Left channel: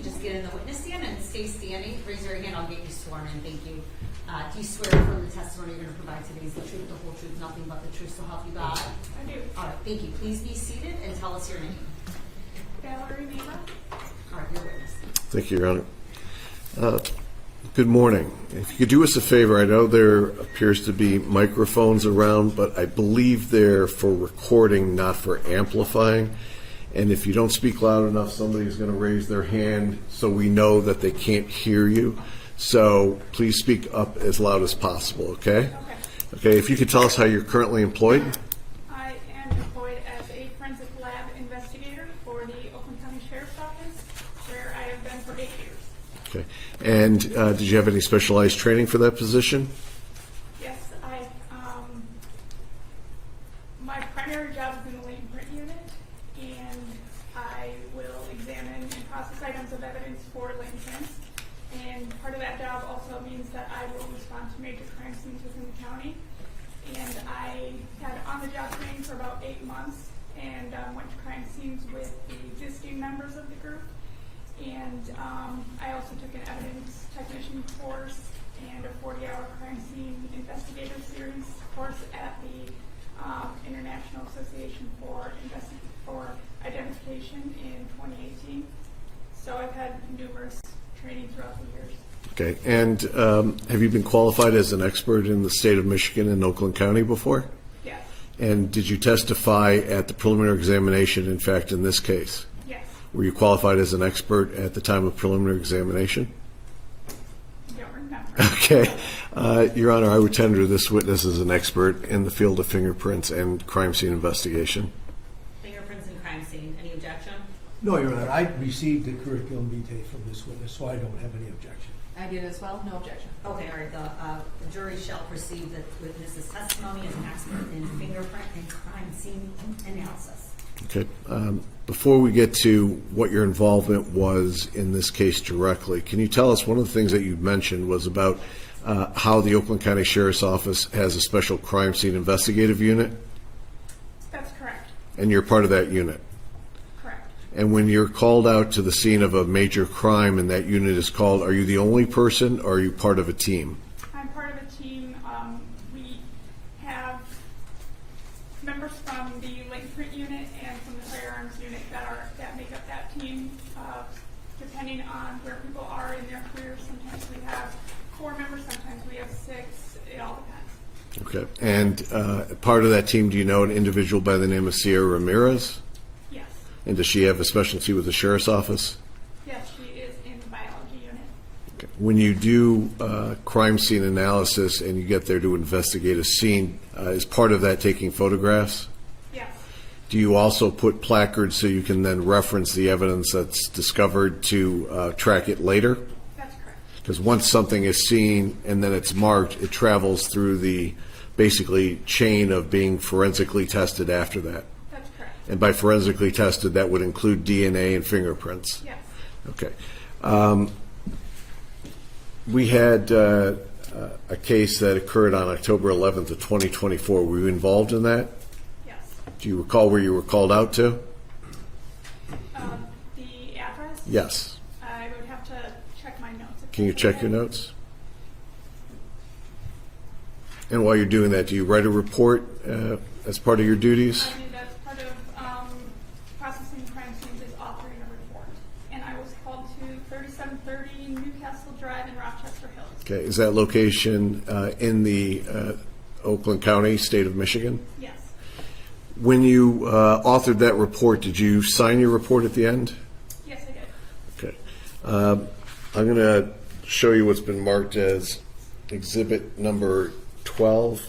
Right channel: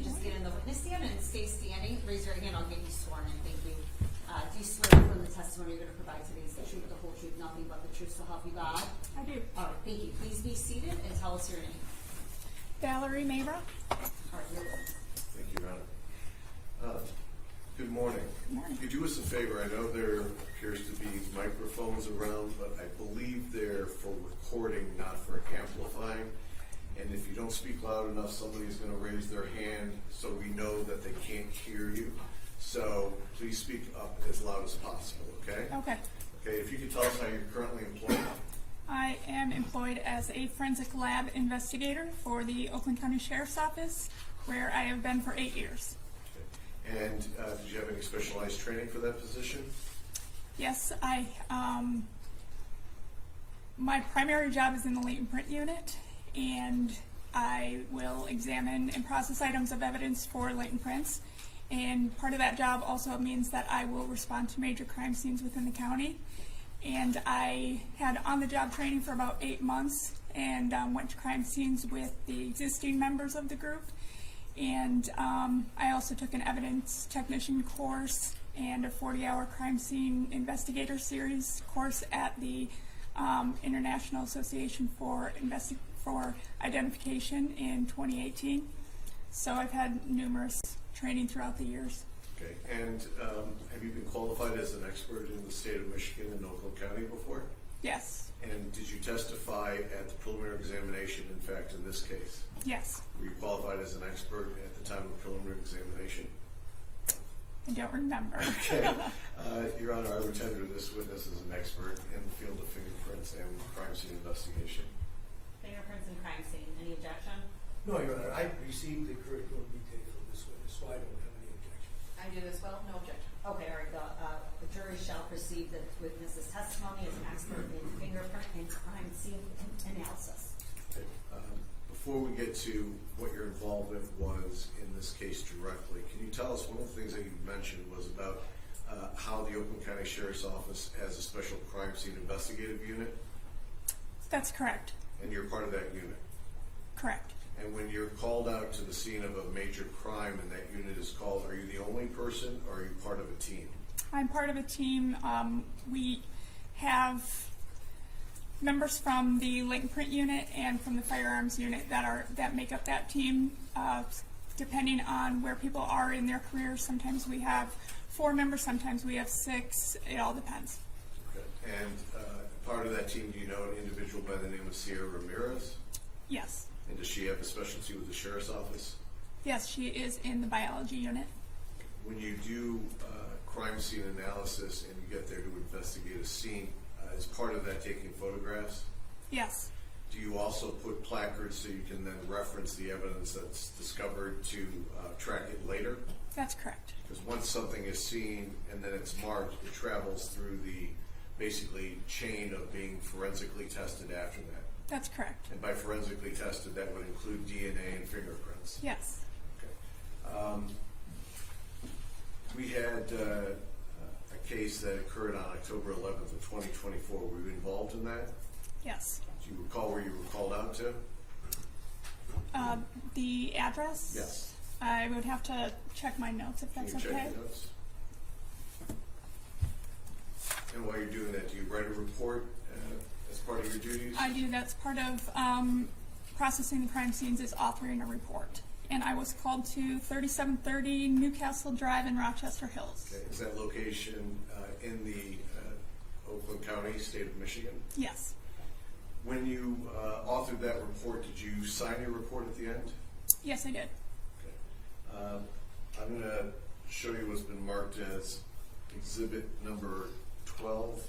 could just get in the witness stand and stay standing. Raise your hand, I'll get you sworn in. Thank you. Do you swear from the testimony you're going to provide today is the truth, the whole truth, nothing but the truth, so help you God? I do. All right, thank you. Please be seated and tell us your name. Valerie Mayra. All right, your witness. Thank you, Your Honor. Good morning. If you could do us a favor, I know there appears to be microphones around, but I believe they're for recording, not for amplifying. And if you don't speak loud enough, somebody's going to raise their hand so we know that they can't hear you. So please speak up as loud as possible, okay? Okay. Okay, if you could tell us how you're currently employed. I am employed as a forensic lab investigator for the Oakland County Sheriff's Office, where I have been for 8 years. Okay. And did you have any specialized training for that position? Yes, my primary job is in the latent print unit, and I will examine and process items of evidence for latent prints. And part of that job also means that I will respond to major crime scenes within the county. And I had on-the-job training for about 8 months and went to crime scenes with the existing members of the group. And I also took an evidence technician course and a 40-hour crime scene investigator series course at the International Association for Identification in 2018. So I've had numerous training throughout the years. Okay. And have you been qualified as an expert in the state of Michigan and Oakland County before? Yes. And did you testify at the preliminary examination, in fact, in this case? Yes. Were you qualified as an expert at the time of preliminary examination? I don't remember. Okay. Your Honor, I would tender this witness as an expert in the field of fingerprints and crime scene investigation. Fingerprints and crime scene. Any objection? No, Your Honor, I received the curriculum vitae from this witness, so I don't have any objection. I do as well. No objection. Okay, all right. The jury shall perceive that the witness's testimony as an expert in fingerprint and crime scene analysis. Okay. Before we get to what your involvement was in this case directly, can you tell us, one of the things that you mentioned was about how the Oakland County Sheriff's Office has a special crime scene investigative unit? That's correct. And you're part of that unit? Correct. And when you're called out to the scene of a major crime and that unit is called, are you the only person or are you part of a team? I'm part of a team. We have members from the latent print unit and from the firearms unit that make up that team. Depending on where people are in their careers, sometimes we have 4 members, sometimes we have 6. It all depends. Okay. And part of that team, do you know an individual by the name of Sierra Ramirez? Yes. And does she have a specialty with the Sheriff's Office? Yes, she is in the biology unit. Okay. When you do crime scene analysis and you get there to investigate a scene, is part of that taking photographs? Yes. Do you also put placards so you can then reference the evidence that's discovered to track it later? That's correct. Because once something is seen and then it's marked, it travels through the basically chain of being forensically tested after that. That's correct. And by forensically tested, that would include DNA and fingerprints. Yes. Okay. We had a case that occurred on October 11th of 2024. Were you involved in that? Yes. Do you recall where you were called out to? The address? Yes. I would have to check my notes. Can you check your notes? And while you're doing that, do you write a report as part of your duties? I do. That's part of processing crime scenes is authoring a report. And I was called to 3730 Newcastle Drive in Rochester Hills. Okay. Is that location in the Oakland County, state of Michigan? Yes. When you authored that report, did you sign your report at the end? Yes, I did. Okay. I'm going to show you what's been marked as exhibit number 12.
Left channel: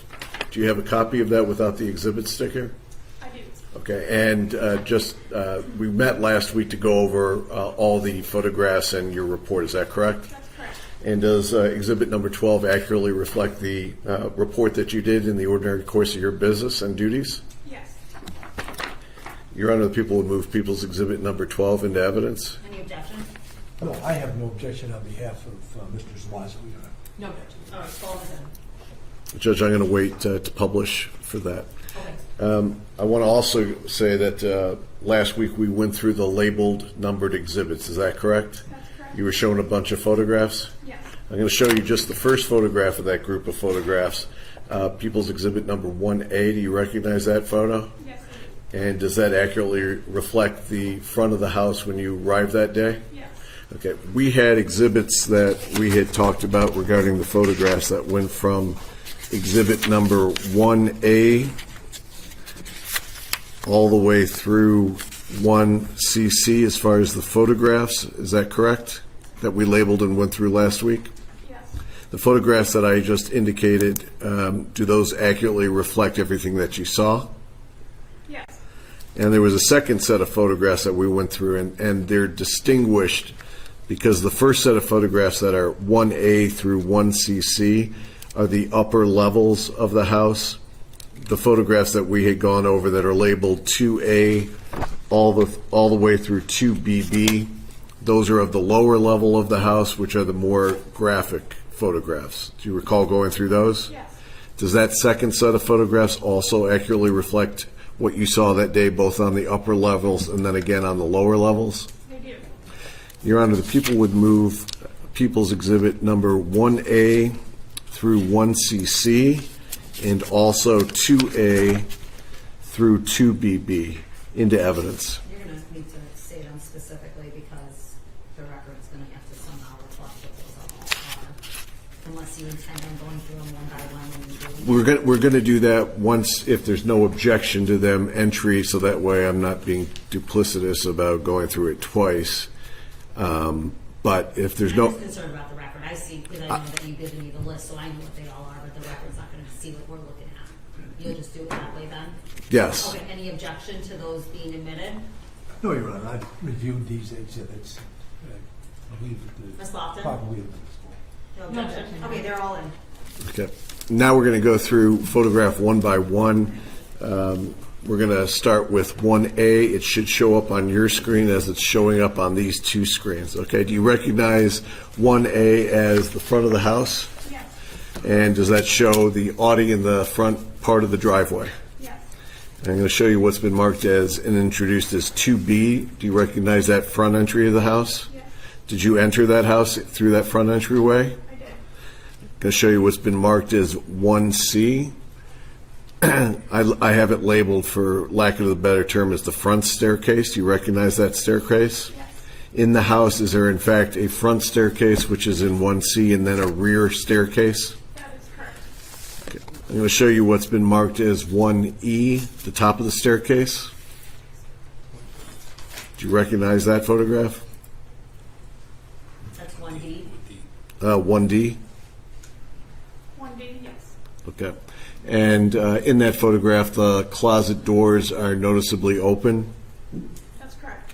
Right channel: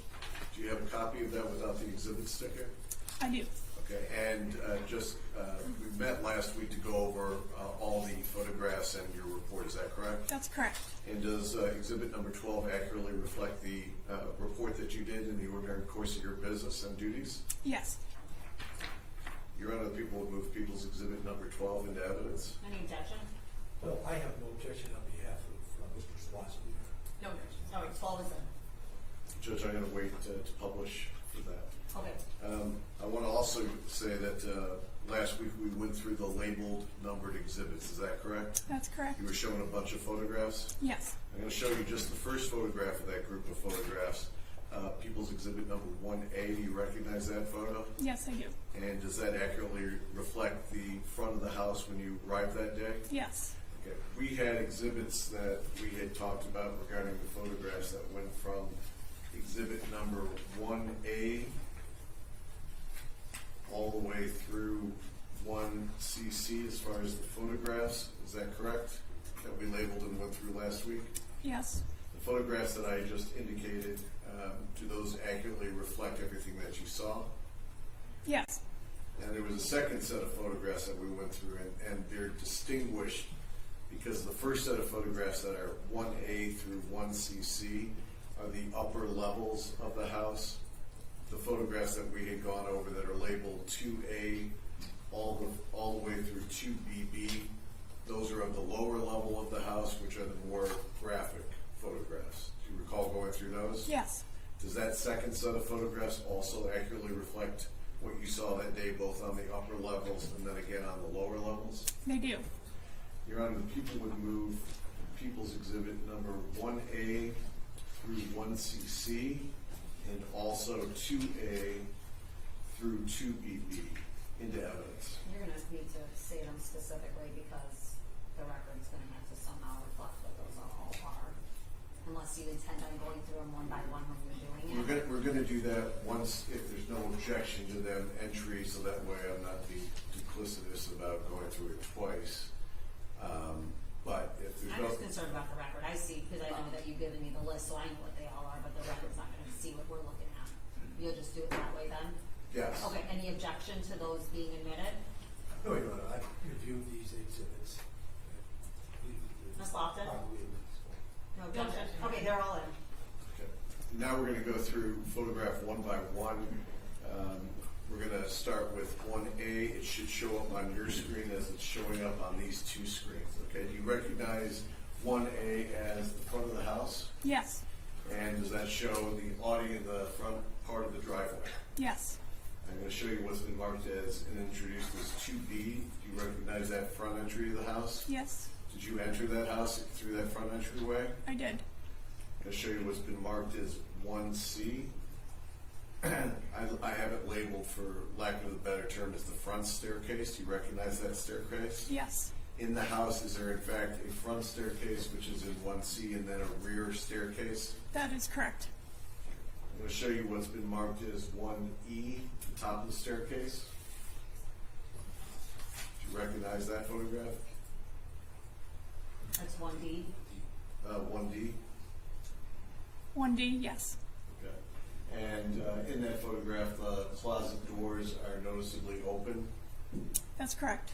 Do you have a copy of that without the exhibit sticker? I do. Okay, and we met last week to go over all the photographs and your report. Is that correct? That's correct. And does exhibit number 12 accurately reflect the report that you did in the ordinary course of your business and duties? Yes. Your Honor, the people will move people's exhibit number 12 into evidence. Any objection? No, I have no objection on behalf of Mr. Zuazo, Your Honor. No objection. All right, 12 is in. Judge, I'm going to wait to publish for that. Okay. I want to also say that last week we went through the labeled numbered exhibits. Is that correct? That's correct. You were shown a bunch of photographs? Yes. I'm going to show you just the first photograph of that group of photographs. People's Exhibit number 1A. Do you recognize that photo? Yes, I do. And does that accurately reflect the front of the house when you arrived that day? Yes. Okay. We had exhibits that we had talked about regarding the photographs that went from Exhibit number 1A all the way through 1CC as far as the photographs. Is that correct? That we labeled and went through last week? Yes. The photographs that I just indicated, do those accurately reflect everything that you saw? Yes. And there was a second set of photographs that we went through, and they're distinguished because the first set of photographs that are 1A through 1CC are the upper levels of the house. The photographs that we had gone over that are labeled 2A all the way through 2BB, those are of the lower level of the house, which are the more graphic photographs. Do you recall going through those? Yes. Does that second set of photographs also accurately reflect what you saw that day, both on the upper levels and then again on the lower levels? They do. Your Honor, the people would move People's Exhibit number 1A through 1CC and also 2A through 2BB into evidence. You're gonna need to say them specifically because the record's gonna have to somehow reflect what those all are. Unless you intend on going through them one by one when you're doing it. We're going to do that once, if there's no objection to them entry, so that way I'm not being duplicitous about going through it twice. But if there's I'm no, just concerned about the record. I see, because I know that you've given me the list, so I know what they all are, but the record's not gonna see what we're looking at. You'll just do it that way then? yes. Okay, any objection to those being admitted? No, Your Honor, I've reviewed these exhibits. I believe that Ms. Lofton? probably No objection? Okay, they're all in. Okay. Now we're going to go through photograph one by one. We're going to start with 1A. It should show up on your screen as it's showing up on these two screens. Okay, do you recognize 1A as the front of the house? Yes. And does that show the Audi in the front part of the driveway? Yes. I'm going to show you what's been marked as and introduced as 2B. Do you recognize that front entry of the house? Yes. Did you enter that house through that front entryway? I did. I'm going to show you what's been marked as 1C. I have it labeled, for lack of a better term, as the front staircase. Do you recognize that staircase? Yes. In the house, is there in fact a front staircase, which is in 1C, and then a rear staircase? That is correct. I'm going to show you what's been marked as 1E, the top of the staircase. Do you recognize that photograph? That's 1D. 1D. 1D, yes. Okay. And in that photograph, the closet doors are noticeably open. That's correct.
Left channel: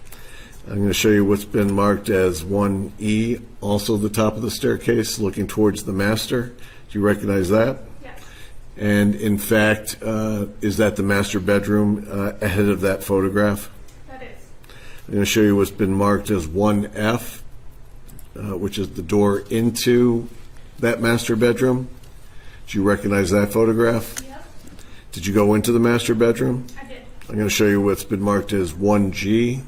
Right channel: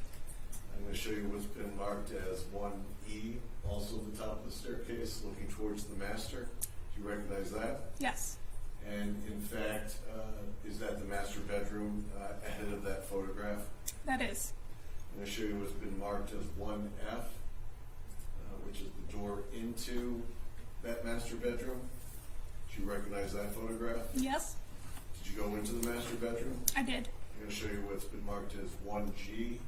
I'm going to show you what's been marked as 1E, also the top of the staircase, looking towards the master. Do you recognize that? Yes. And in fact, is that the master bedroom ahead of that photograph? That is. I'm going to show you what's been marked as 1F, which is the door into that master bedroom. Do you recognize that photograph? Yes. Did you go into the master bedroom? I did. I'm going to show you what's been marked as 1G.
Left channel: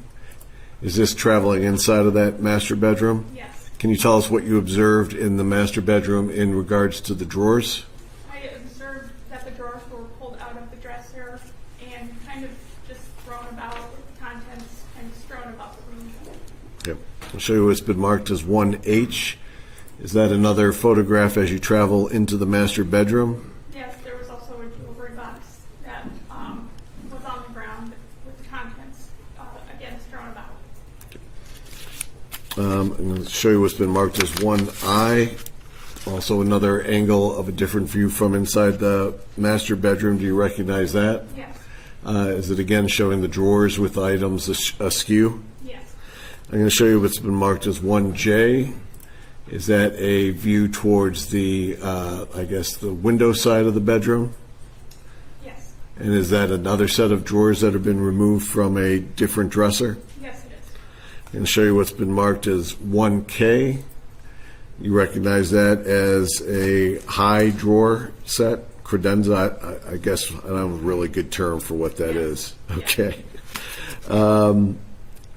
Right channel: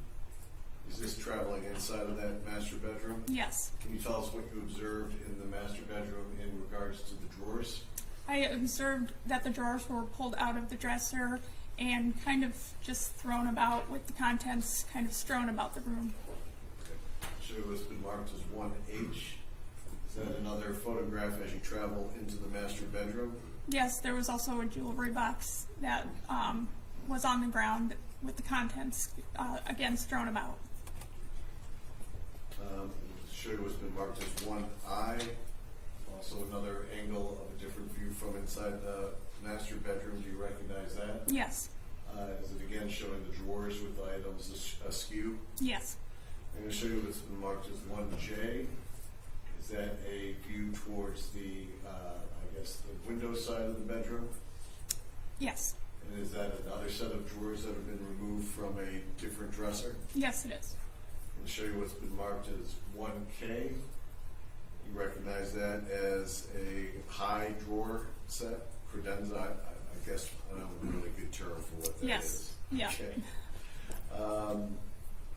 Is this traveling inside of that master bedroom? Yes. Can you tell us what you observed in the master bedroom in regards to the drawers? I observed that the drawers were pulled out of the dresser and kind of just thrown about with the contents kind of strewn about the room. Okay. I'll show you what's been marked as 1H. Is that another photograph as you travel into the master bedroom? Yes, there was also a jewelry box that was on the ground with the contents again strewn about. I'm going to show you what's been marked as 1I. Also another angle of a different view from inside the master bedroom. Do you recognize that? Yes. Is it again showing the drawers with items askew? Yes. I'm going to show you what's been marked as 1J. Is that a view towards the, I guess, the window side of the bedroom? Yes. And is that another set of drawers that have been removed from a different dresser? Yes, it is. I'm going to show you what's been marked as 1K. You recognize that as a high drawer set? Credenza, I guess I don't have a really good term for what that Yes. is. Yeah. Okay. I'm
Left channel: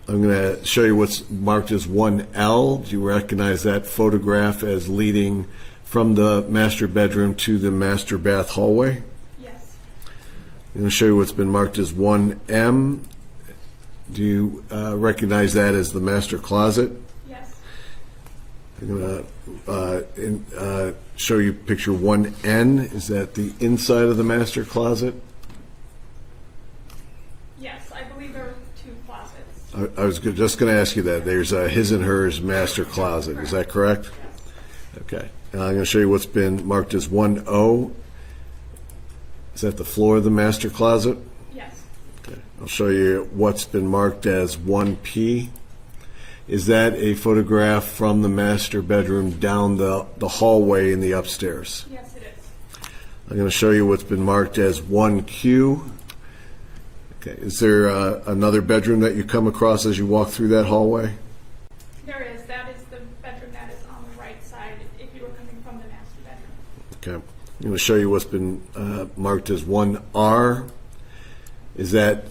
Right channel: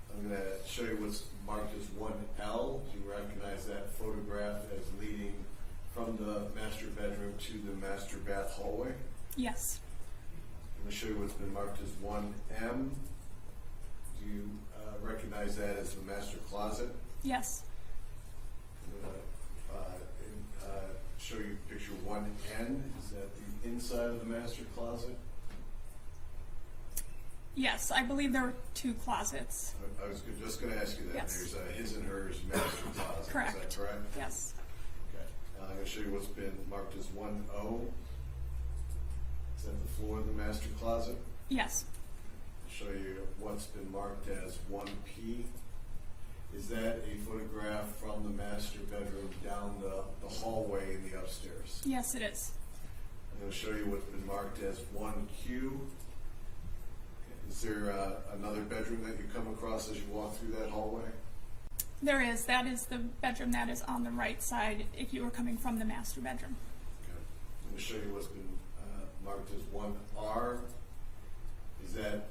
going to show you what's marked as 1L. Do you recognize that photograph as leading from the master bedroom to the master bath hallway? Yes. I'm going to show you what's been marked as 1M. Do you recognize that as the master closet? Yes. I'm going to show you picture 1N. Is that the inside of the master closet? Yes, I believe there were 2 closets. I was just going to ask you that. Yes. There's a his and hers master closet. Is that correct? Yes. Okay. I'm going to show you what's been marked as 1O. Is that the floor of the master closet? Yes. Okay. I'll show you what's been marked as 1P. Is that a photograph from the master bedroom down the hallway in the upstairs? Yes, it is. I'm going to show you what's been marked as 1Q. Okay. Is there another bedroom that you come across as you walk through that hallway? There is. That is the bedroom that is on the right side if you were coming from the master bedroom. Okay. I'm going to show you what's been marked as 1R. Is that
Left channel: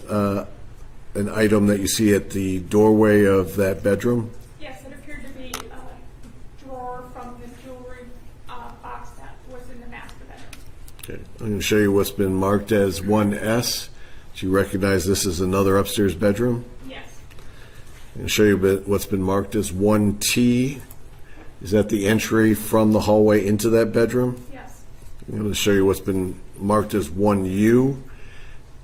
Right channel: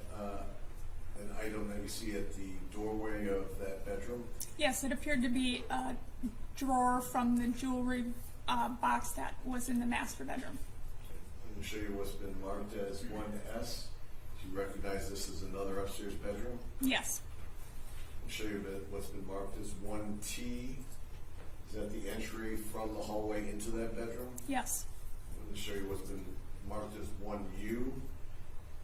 an item that you see at the doorway of that bedroom? Yes, it appeared to be a drawer from the jewelry box that was in the master bedroom. Okay. I'm going to show you what's been marked as 1S. Do you recognize this as another upstairs bedroom? Yes. I'm going to show you what's been marked as 1T. Is that the entry from the hallway into that bedroom? Yes. I'm going to show you what's been marked as 1U.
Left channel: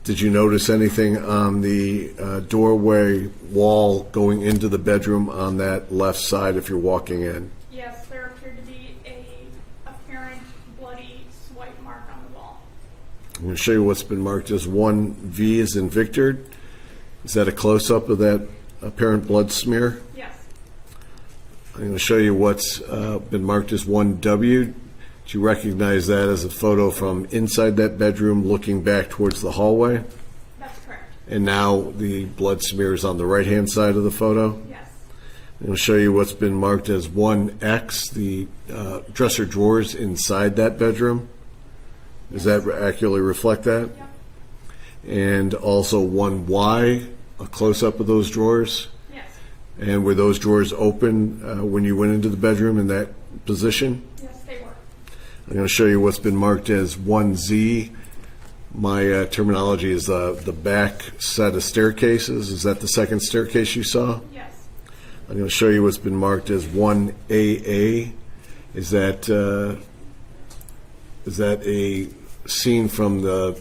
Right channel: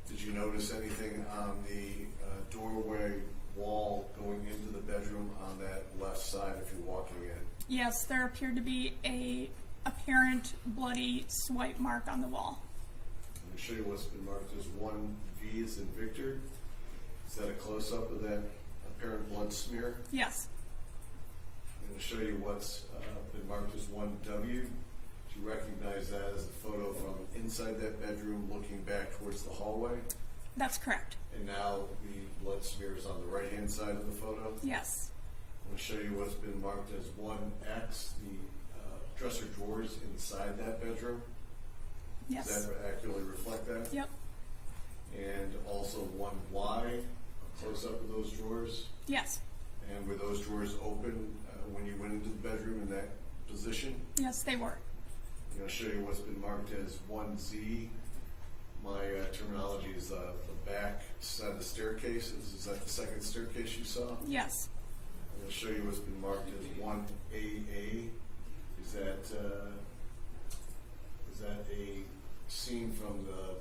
Did you notice anything on the doorway wall going into the bedroom on that left side if you're walking in? Yes, there appeared to be a apparent bloody swipe mark on the wall. I'm going to show you what's been marked as 1V as in Victor. Is that a close-up of that apparent blood smear? Yes. I'm going to show you what's been marked as 1W. Do you recognize that as a photo from inside that bedroom looking back towards the hallway? That's correct. And now the blood smear is on the right-hand side of the photo? Yes. I'm going to show you what's been marked as 1X, the dresser drawers inside that bedroom. Does Yes. that accurately reflect that? Yep. And also 1Y, a close-up of those drawers. Yes. And were those drawers open when you went into the bedroom in that position? Yes, they were. I'm going to show you what's been marked as 1Z. My terminology is the back set of staircases. Is that the second staircase you saw? Yes. I'm going to show you what's been marked as 1AA. Is that a scene from the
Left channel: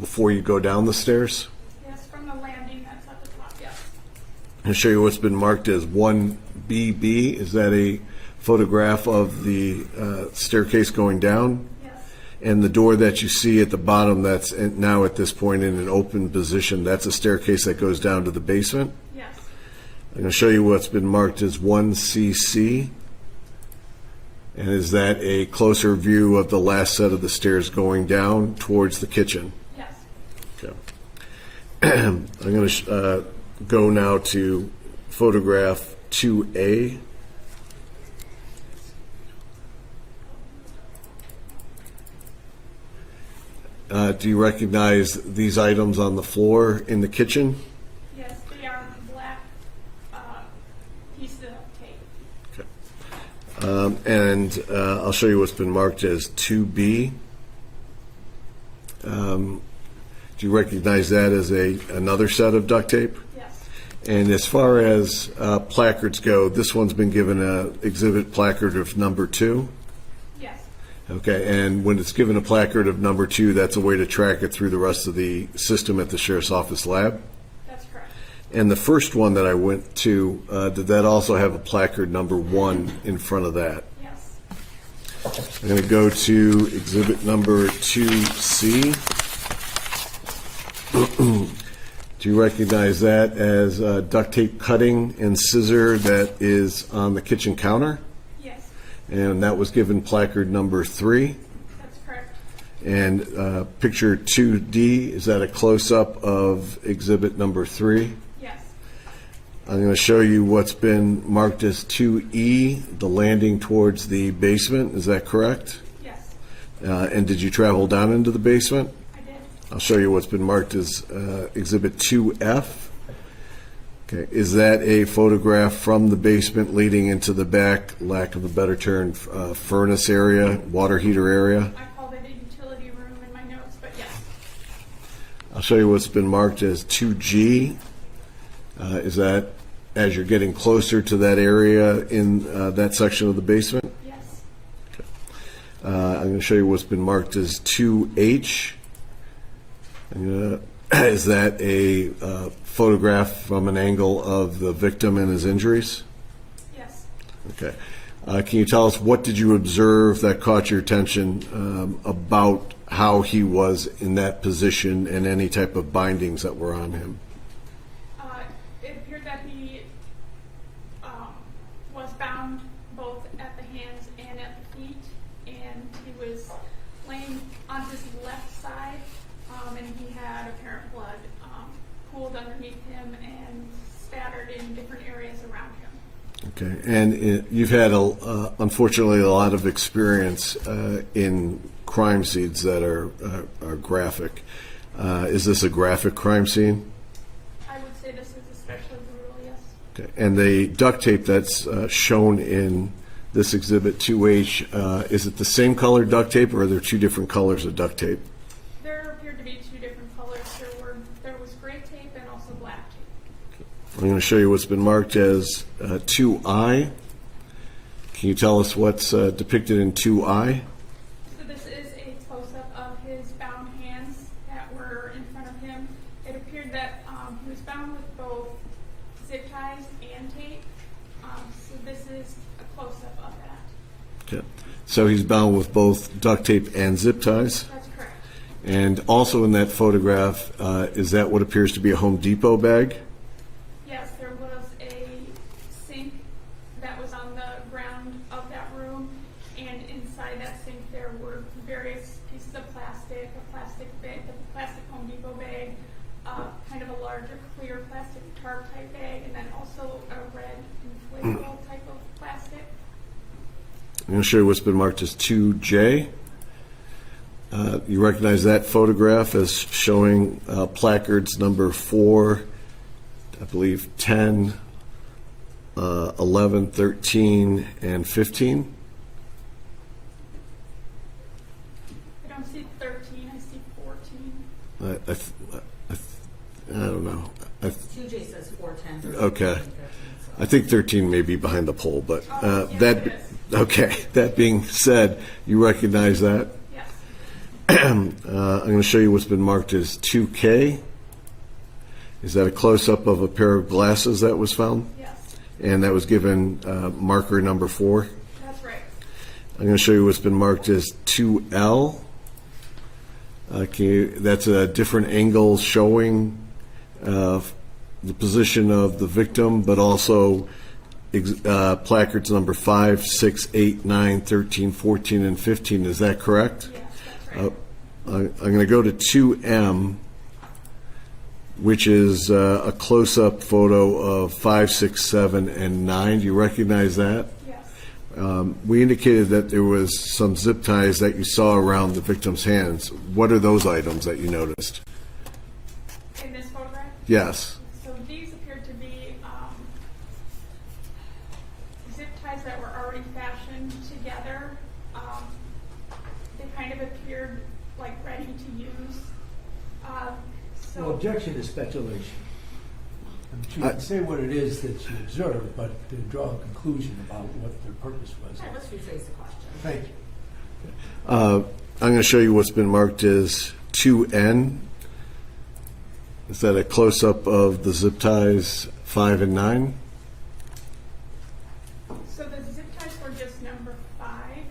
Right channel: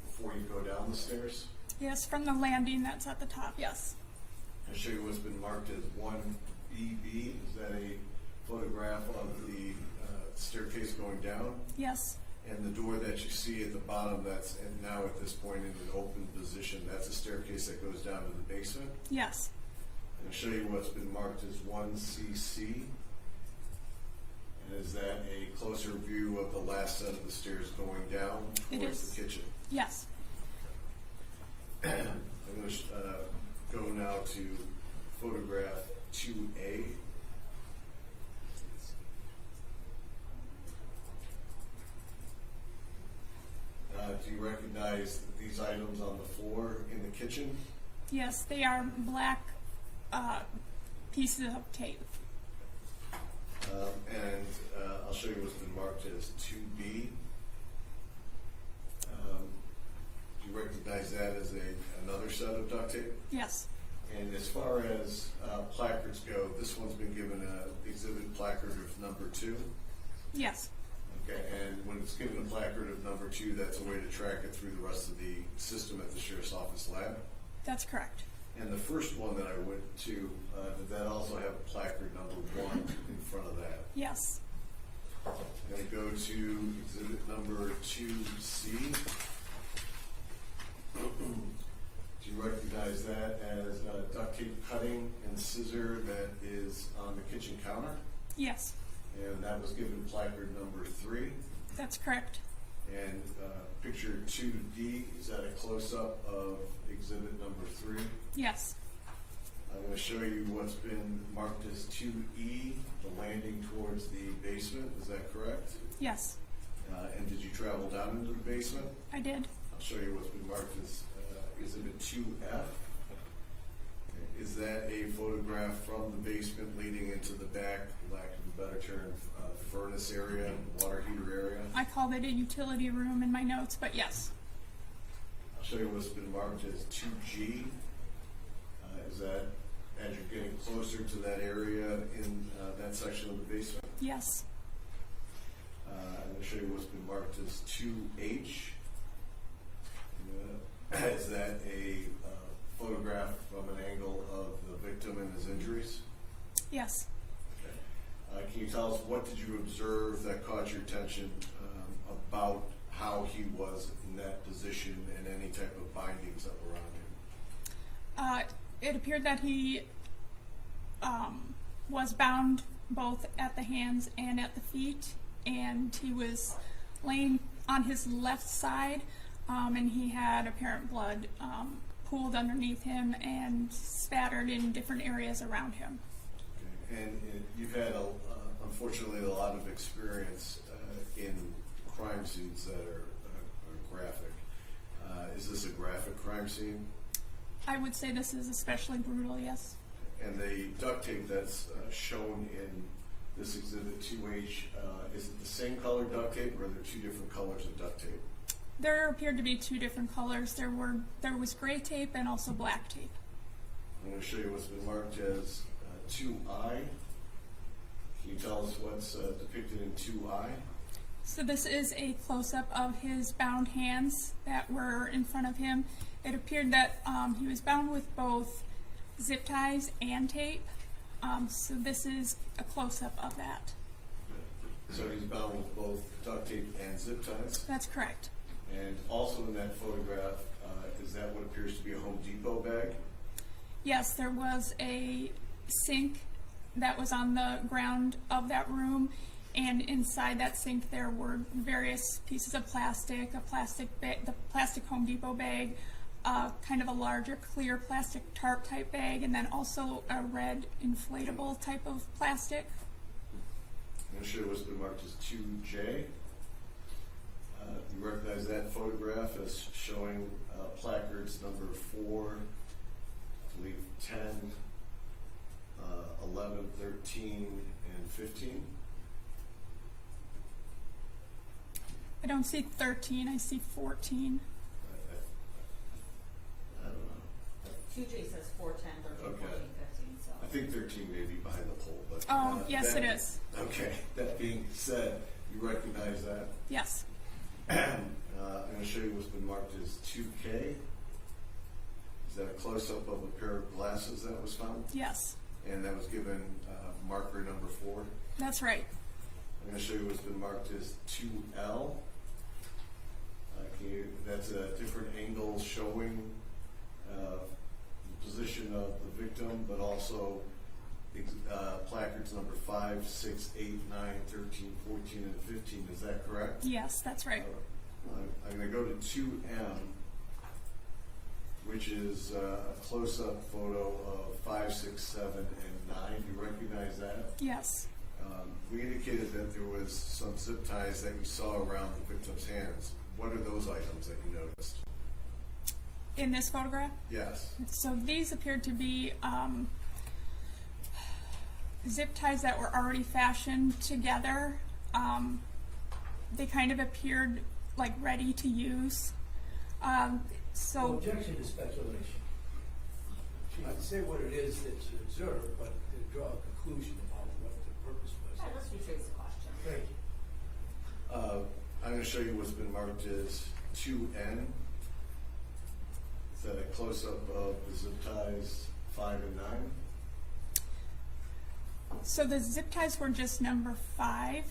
before you go down the stairs? Yes, from the landing that's at the top, yes. I'm going to show you what's been marked as 1BB. Is that a photograph of the staircase going down? Yes. And the door that you see at the bottom that's now at this point in an open position, that's a staircase that goes down to the basement? Yes. I'm going to show you what's been marked as 1CC. And is that a closer view of the last set of the stairs going down towards the kitchen? Yes. Okay. I'm going to go now to photograph 2A. Do you recognize these items on the floor in the kitchen? Yes, they are black pieces of tape. And I'll show you what's been marked as 2B. Do you recognize that as another set of duct tape? Yes. And as far as placards go, this one's been given an exhibit placard of number 2. Yes. Okay, and when it's given a placard of number 2, that's a way to track it through the rest of the system at the Sheriff's Office lab. That's correct. And the first one that I went to, did that also have a placard number 1 in front of that? Yes. I'm going to go to exhibit number 2C. Do you recognize that as duct tape cutting and scissor that is on the kitchen counter? Yes. And that was given placard number 3. That's correct. And picture 2D, is that a close-up of exhibit number 3? Yes. I'm going to show you what's been marked as 2E, the landing towards the basement. Is that correct? Yes. And did you travel down into the basement? I did. I'll show you what's been marked as Exhibit 2F. Okay, is that a photograph from the basement leading into the back, lack of a better term, furnace area, water heater area? I called it a utility room in my notes, but yes. I'll show you what's been marked as 2G. Is that as you're getting closer to that area in that section of the basement? Yes. I'm going to show you what's been marked as 2H. Is that a photograph from an angle of the victim and his injuries? Yes. Okay. Can you tell us what did you observe that caught your attention about how he was in that position and any type of bindings that were on him? It appeared that he was bound both at the hands and at the feet, and he was laying on his left side, and he had apparent blood pooled underneath him and spattered in different areas around him. Okay, and you've had, unfortunately, a lot of experience in crime scenes that are graphic. Is this a graphic crime scene? I would say this is especially brutal, yes. Okay, and the duct tape that's shown in this Exhibit 2H, is it the same color duct tape, or are there two different colors of duct tape? There appeared to be two different colors. There was gray tape and also black tape. I'm going to show you what's been marked as 2I. Can you tell us what's depicted in 2I? So this is a close-up of his bound hands that were in front of him. It appeared that he was bound with both zip ties and tape. So this is a close-up of that. Okay. So he's bound with both duct tape and zip ties. That's correct. And also in that photograph, is that what appears to be a Home Depot bag? Yes, there was a sink that was on the ground of that room, and inside that sink there were various pieces of plastic, a plastic bag, the plastic Home Depot bag, kind of a larger clear plastic tarp type bag, and then also a red inflatable type of plastic. I'm going to show you what's been marked as 2J. You recognize that photograph as showing placards number 4, I believe 10, 11, 13, and 15. I don't see 13, I see 14. I don't know. 2J says 410. Okay. I think 13 may be behind the pole, but Yes, that, it is. okay. That being said, you recognize that? Yes. I'm going to show you what's been marked as 2K. Is that a close-up of a pair of glasses that was found? Yes. And that was given marker number 4? That's right. I'm going to show you what's been marked as 2L. That's a different angle showing the position of the victim, but also placards number 5, 6, 8, 9, 13, 14, and 15. Is that correct? Yes, that's right. I'm going to go to 2M, which is a close-up photo of 5, 6, 7, and 9. Do you recognize that? Yes. We indicated that there was some zip ties that you saw around the victim's hands. What are those items that you noticed? In this photograph? Yes. So these appeared to be zip ties that were already fashioned together. They kind of appeared like ready to use. Well, objection is speculation. You can say what it is that you observed, but to draw a conclusion about what the purpose was. All right, let's rephrase the question. Thank you. I'm going to show you what's been marked as 2N. Is that a close-up of the zip ties 5 and 9? So the zip ties were just number 5,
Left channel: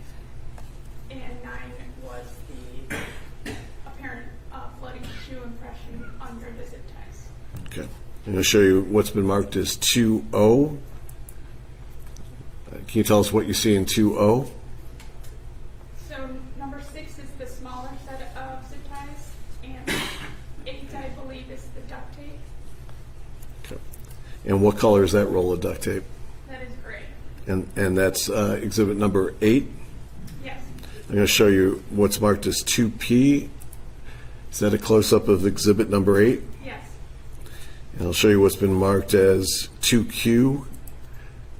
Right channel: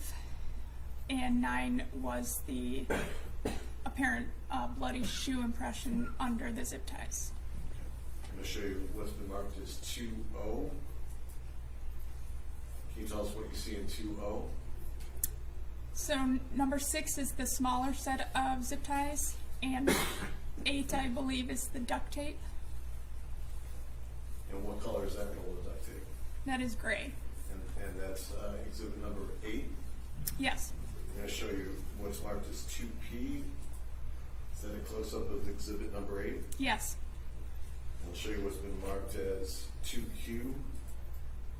and 9 was the apparent bloody shoe impression under the zip ties. Okay. I'm going to show you what's been marked as 2O. Can you tell us what you see in 2O? So number 6 is the smaller set of zip ties, and 8, I believe, is the duct tape. Okay. And what color is that roll of duct tape? That is gray. And that's exhibit number 8. Yes. I'm going to show you what's marked as 2P. Is that a close-up of exhibit number 8? Yes. And I'll show you what's been marked as 2Q.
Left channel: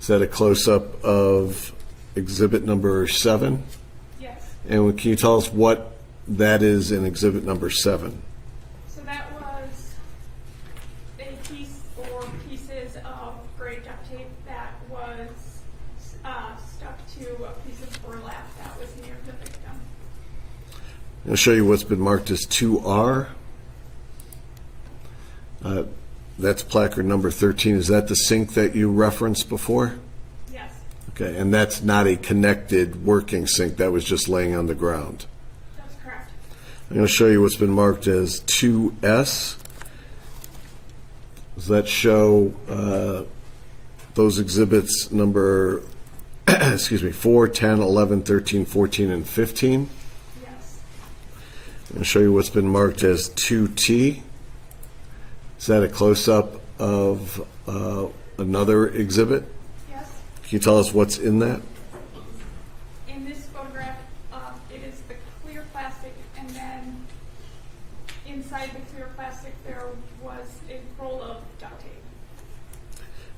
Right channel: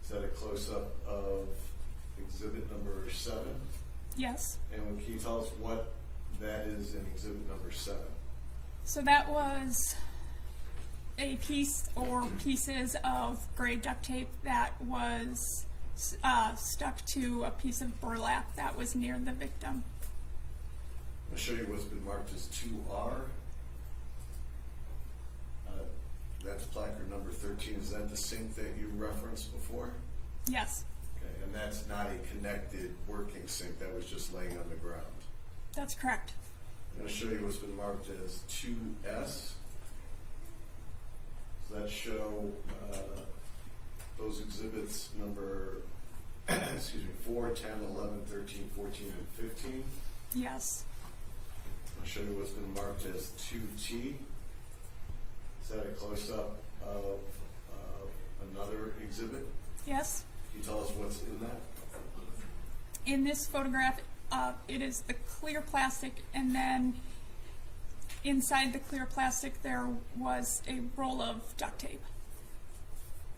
Is that a close-up of exhibit number 7? Yes. And can you tell us what that is in exhibit number 7? So that was a piece or pieces of gray duct tape that was stuck to a piece of burlap that was near the victim. I'll show you what's been marked as 2R. That's placard number 13. Is that the sink that you referenced before? Yes. Okay, and that's not a connected working sink. That was just laying on the ground. That's correct. I'm going to show you what's been marked as 2S. Does that show those exhibits number, excuse me, 4, 10, 11, 13, 14, and 15? Yes. I'm going to show you what's been marked as 2T. Is that a close-up of another exhibit? Yes. Can you tell us what's in that? In this photograph, it is the clear plastic, and then inside the clear plastic there was a roll of duct tape.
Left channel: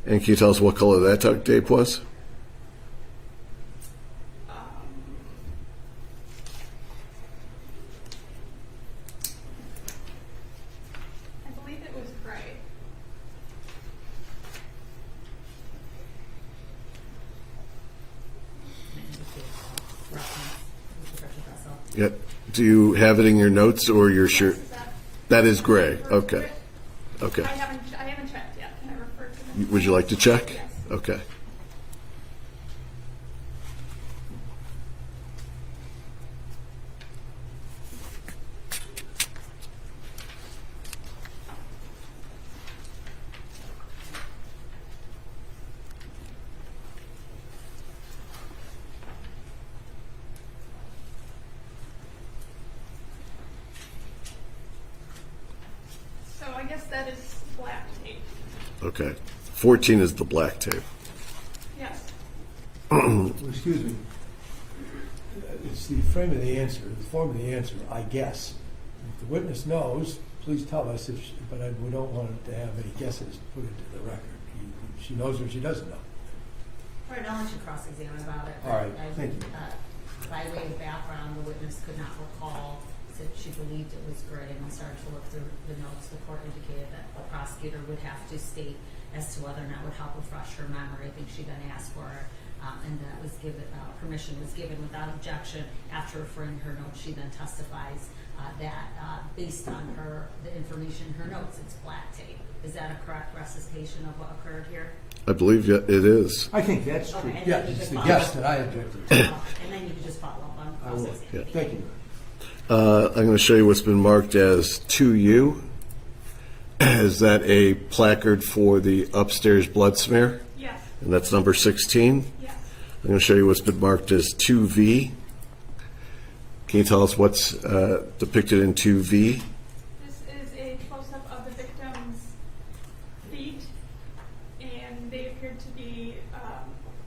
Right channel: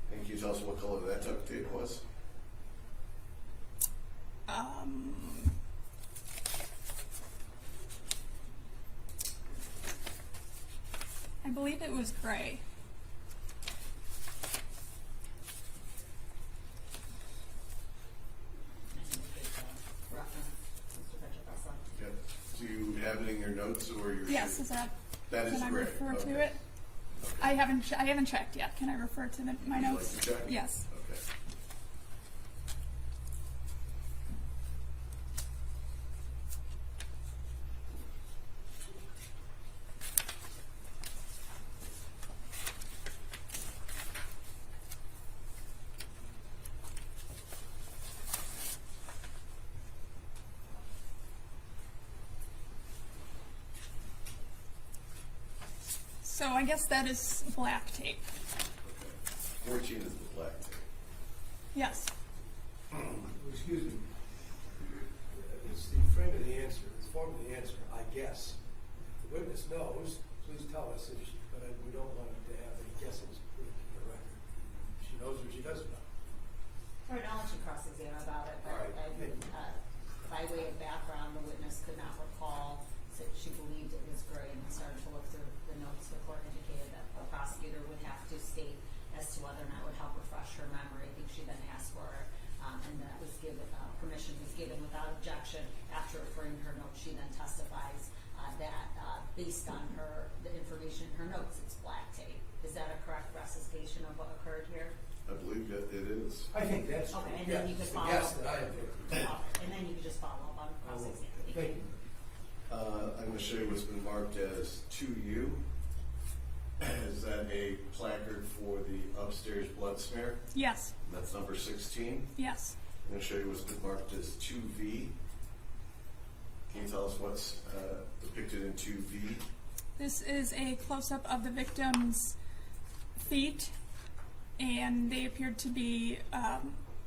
And can you tell us what color that duct tape was? I believe it was gray. Yep. Do you have it in your notes or your shirt? Yes, That is can I gray. refer to Okay. it? Okay. I haven't checked yet. Can I refer to them? Would you like to check? Yes. Okay. So I guess that is black tape. Okay. 14 is the black tape. Yes. Excuse me. It's the frame of the answer, the form of the answer, I guess. If the witness knows, please tell us, but we don't want to have any guesses put into the record. She knows or she doesn't know. All right, I'll let you cross-examine about it. All right, thank you. By way of background, the witness could not recall, said she believed it was gray, and we started to look through the notes. The court indicated that the prosecutor would have to state as to whether or not it would help refresh her memory. I think she then asked for it, and that was given, permission was given without objection. After referring to her notes, she then testifies that based on the information in her notes, it's black tape. Is that a correct recitation of what occurred here? I believe it is. I think that's true. Okay, and Yeah, then you it's could the follow guess up. that I objected to. And then you could just follow up on I will. cross-examination. Thank you. I'm going to show you what's been marked as 2U. Is that a placard for the upstairs blood smear? Yes. And that's number 16. Yes. I'm going to show you what's been marked as 2V. Can you tell us what's depicted in 2V? This is a close-up of the victim's feet, and they appeared to be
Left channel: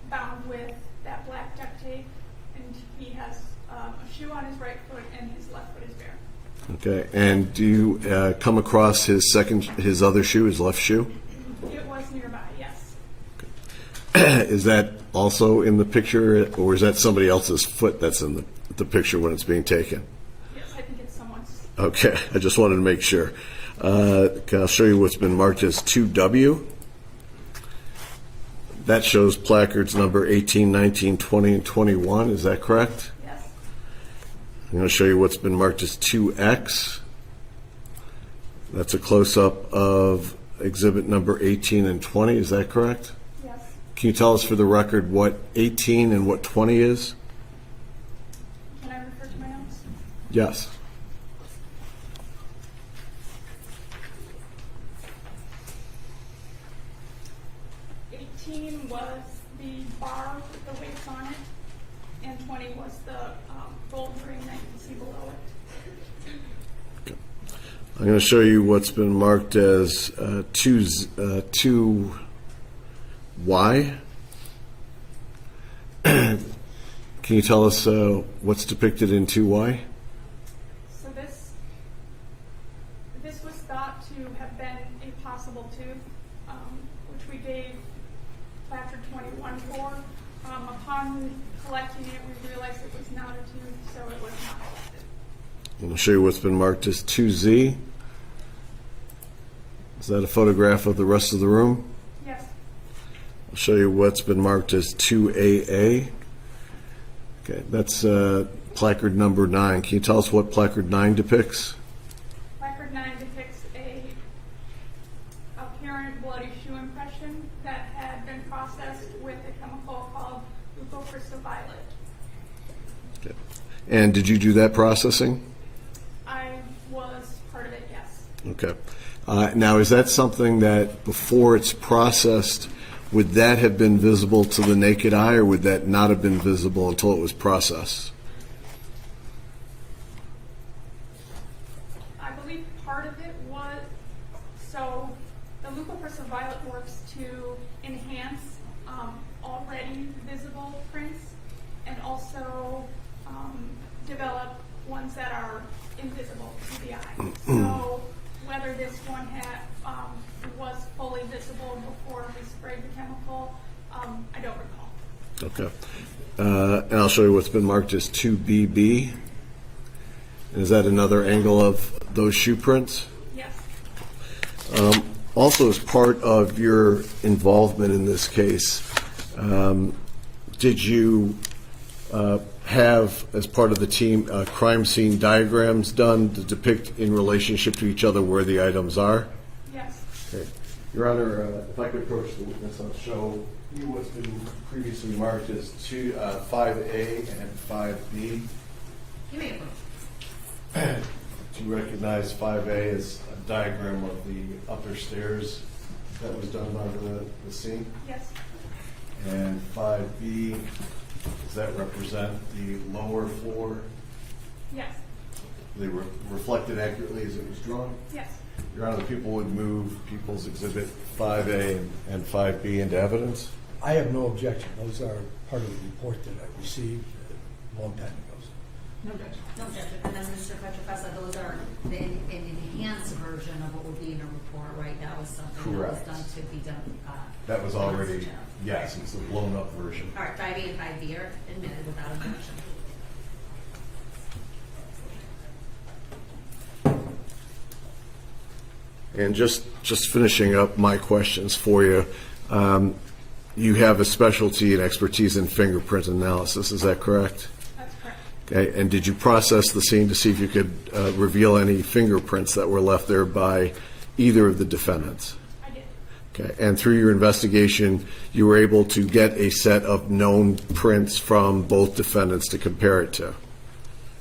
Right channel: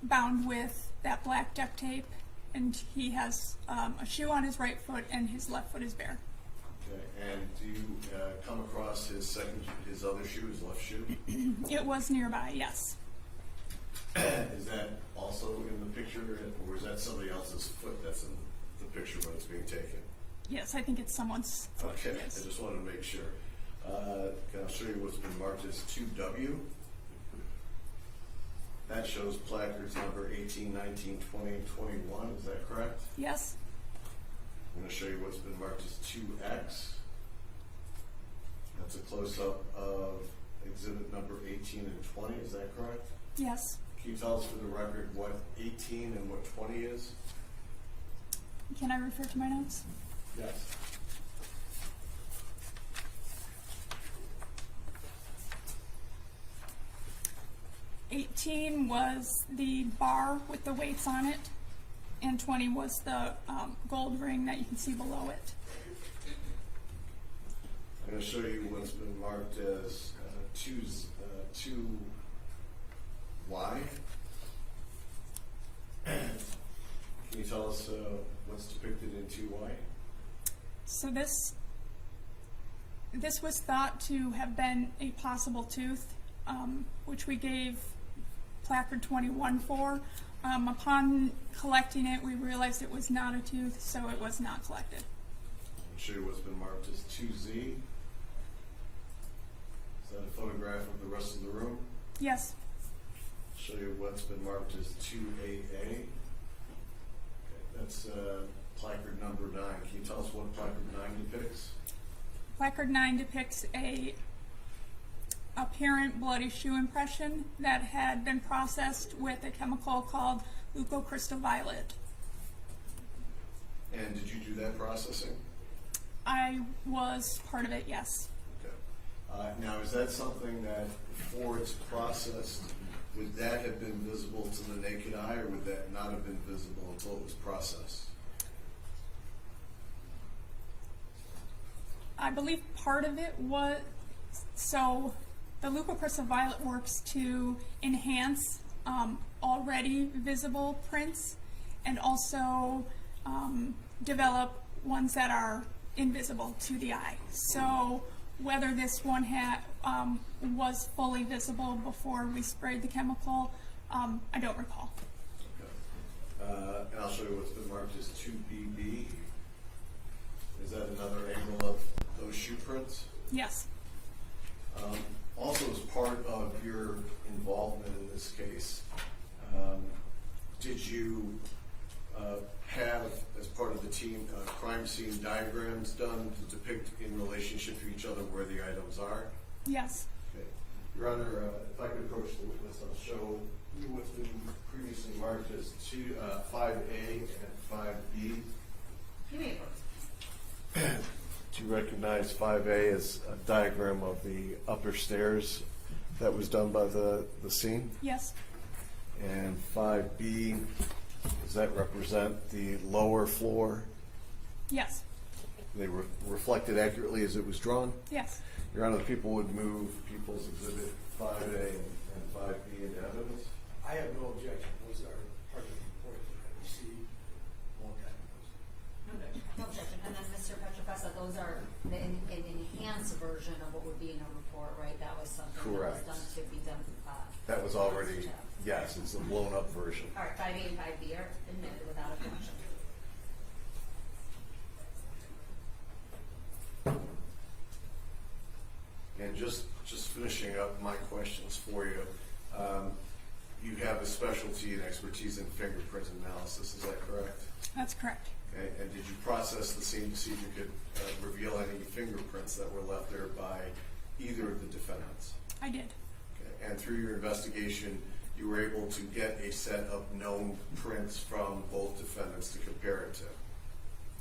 bound with that black duct tape, and he has a shoe on his right foot and his left foot is bare. Okay. And do you come across his other shoe, his left shoe? It was nearby, yes. Is that also in the picture, or is that somebody else's foot that's in the picture when it's being taken? Yes, I think it's someone's. Okay, I just wanted to make sure. I'll show you what's been marked as 2W. That shows placards number 18, 19, 20, and 21. Is that correct? Yes. I'm going to show you what's been marked as 2X. That's a close-up of exhibit number 18 and 20. Is that correct? Yes. Can you tell us for the record what 18 and what 20 is? Can I refer to my notes? Yes. Was the bar with the weights on it, and 20 was the gold ring that you can see below it. I'm going to show you what's been marked as 2Y. Can you tell us what's depicted in 2Y? So this This was thought to have been a possible tooth, which we gave placard 21 for. Upon collecting it, we realized it was not a tooth, so it was not collected. And I'll show you what's been marked as 2Z. Is that a photograph of the rest of the room? Yes. I'll show you what's been marked as 2AA. Okay, that's placard number 9. Can you tell us what placard 9 depicts? Placard 9 depicts a apparent bloody shoe impression that had been processed with a chemical called leucocrystal-violet. Okay. And did you do that processing? I was part of it, yes. Okay. Now, is that something that before it's processed, would that have been visible to the naked eye, or would that not have been visible until it was processed? I believe part of it was, so the leucocrystal-violet works to enhance already visible prints and also develop ones that are invisible to the eye. So whether this one was fully visible before we sprayed the chemical, I don't recall. Okay. And I'll show you what's been marked as 2BB. And is that another angle of those shoe prints? Yes. Also, as part of your involvement in this case, did you have, as part of the team, crime scene diagrams done to depict in relationship to each other where the items are? Yes. Okay. Your Honor, if I could approach the witness, I'll show you what's been previously marked as 5A and 5B. You may approach. Do you recognize 5A as a diagram of the upper stairs that was done by the scene? Yes. And 5B, does that represent the lower floor? Yes. They were reflected accurately as it was drawn? Yes. Your Honor, the people would move People's Exhibit 5A and 5B into evidence? I have no objection. Those are part of the report that I received a long time ago. No objection. No objection. And then Mr. Petrofessa, those are an enhanced version of what would be in a report, right? That was something Correct. that was done to be done. That was already, yes, it's a blown-up version. All right, 5A and 5B are admitted without objection. And just finishing up my questions for you, you have a specialty and expertise in fingerprint analysis, is that correct? That's correct. Okay, and did you process the scene to see if you could reveal any fingerprints that were left there by either of the defendants? I did. Okay, and through your investigation, you were able to get a set of known prints from both defendants to compare it to?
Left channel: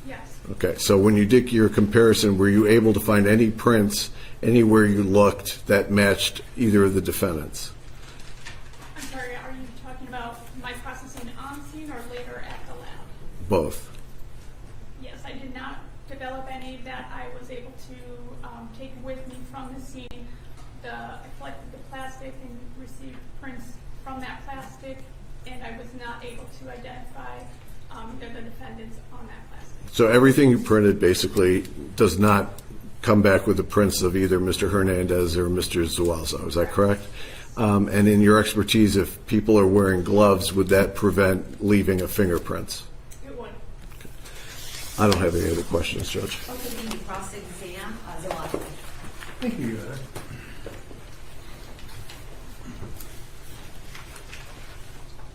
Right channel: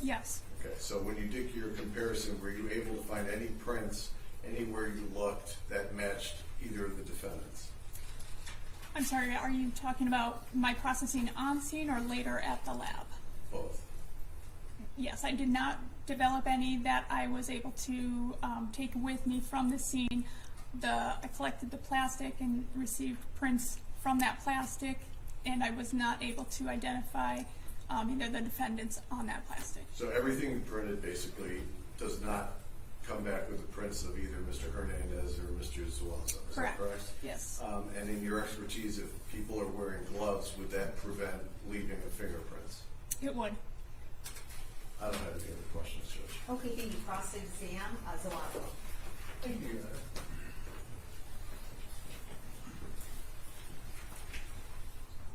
Yes. Okay, so when you did your comparison, were you able to find any prints anywhere you looked that matched either of the defendants? I'm sorry, are you talking about my processing on scene or later at the lab? Both. Yes, I did not develop any that I was able to take with me from the scene. I collected the plastic and received prints from that plastic, and I was not able to identify either the defendants on that plastic. So everything you printed basically does not come back with the prints of either Mr. Hernandez or Mr. Zuazo, is that correct? Yes. And in your expertise, if people are wearing gloves, would that prevent leaving of fingerprints? It would. I don't have any other questions, Judge. Okay, thank you. Cross-exam, Zuazo. Thank you, Your Honor.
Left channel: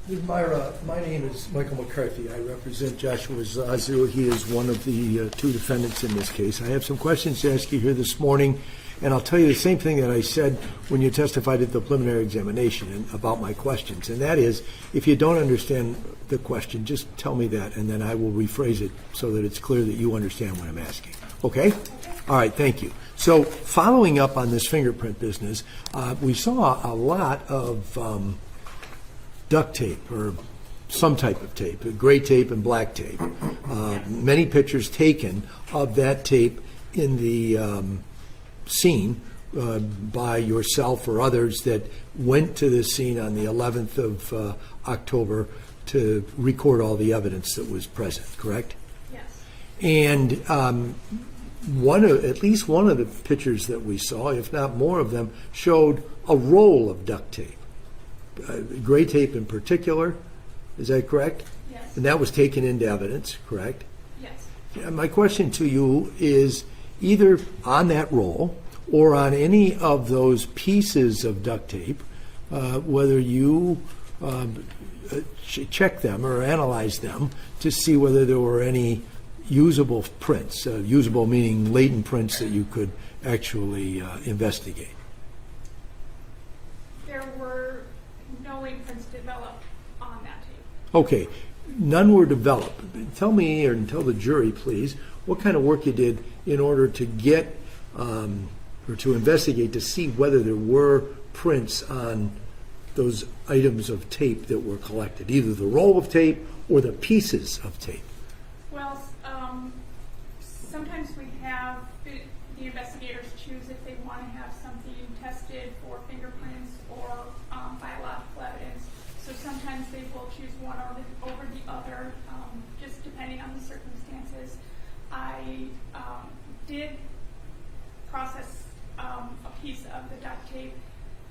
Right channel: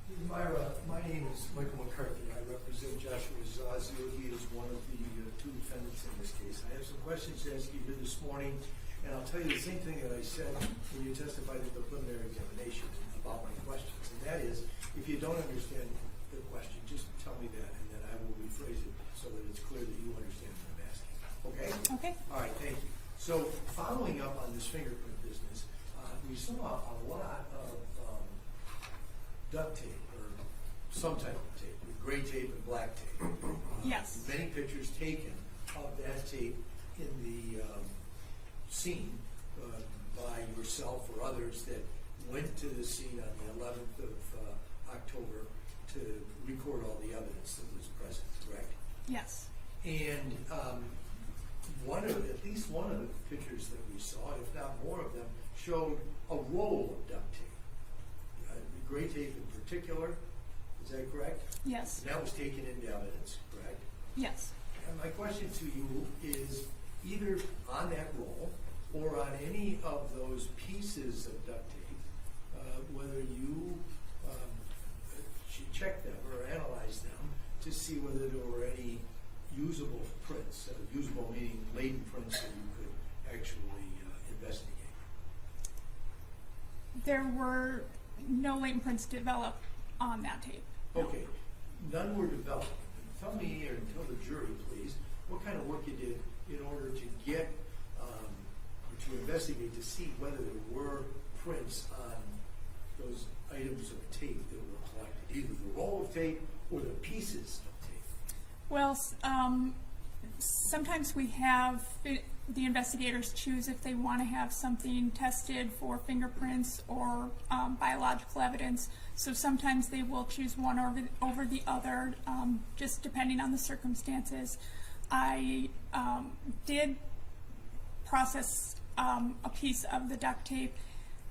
Ms. Mayra, my name is Michael McCarthy. I represent Joshua Zuazo. He is one of the two defendants in this case. I have some questions to ask you here this morning, and I'll tell you the same thing that I said when you testified at the preliminary examination about my questions, and that is, if you don't understand the question, just tell me that, and then I will rephrase it so that it's clear that you understand what I'm asking. Okay? Okay. All right, thank you. So following up on this fingerprint business, we saw a lot of duct tape or some type of tape, gray tape and black tape. Yes. Many pictures taken of that tape in the scene by yourself or others that went to the scene on the 11th of October to record all the evidence that was present, correct? Yes. And at least one of the pictures that we saw, if not more of them, showed a roll of duct tape, gray tape in particular. Is that correct? Yes. And that was taken into evidence, correct? Yes. Yeah, my question to you is either on that roll or on any of those pieces of duct tape, whether you check them or analyze them to see whether there were any usable prints, usable meaning latent prints that you could actually investigate. There were no latent prints developed on that tape. Okay, none were developed. Tell me, or tell the jury, please, what kind of work you did in order to get or to investigate to see whether there were prints on those items of tape that were collected, either the roll of tape or the pieces of tape. Well, sometimes we have the investigators choose if they want to have something tested for fingerprints or biological evidence. So sometimes they will choose one over the other, just depending on the circumstances. I did process a piece of the duct tape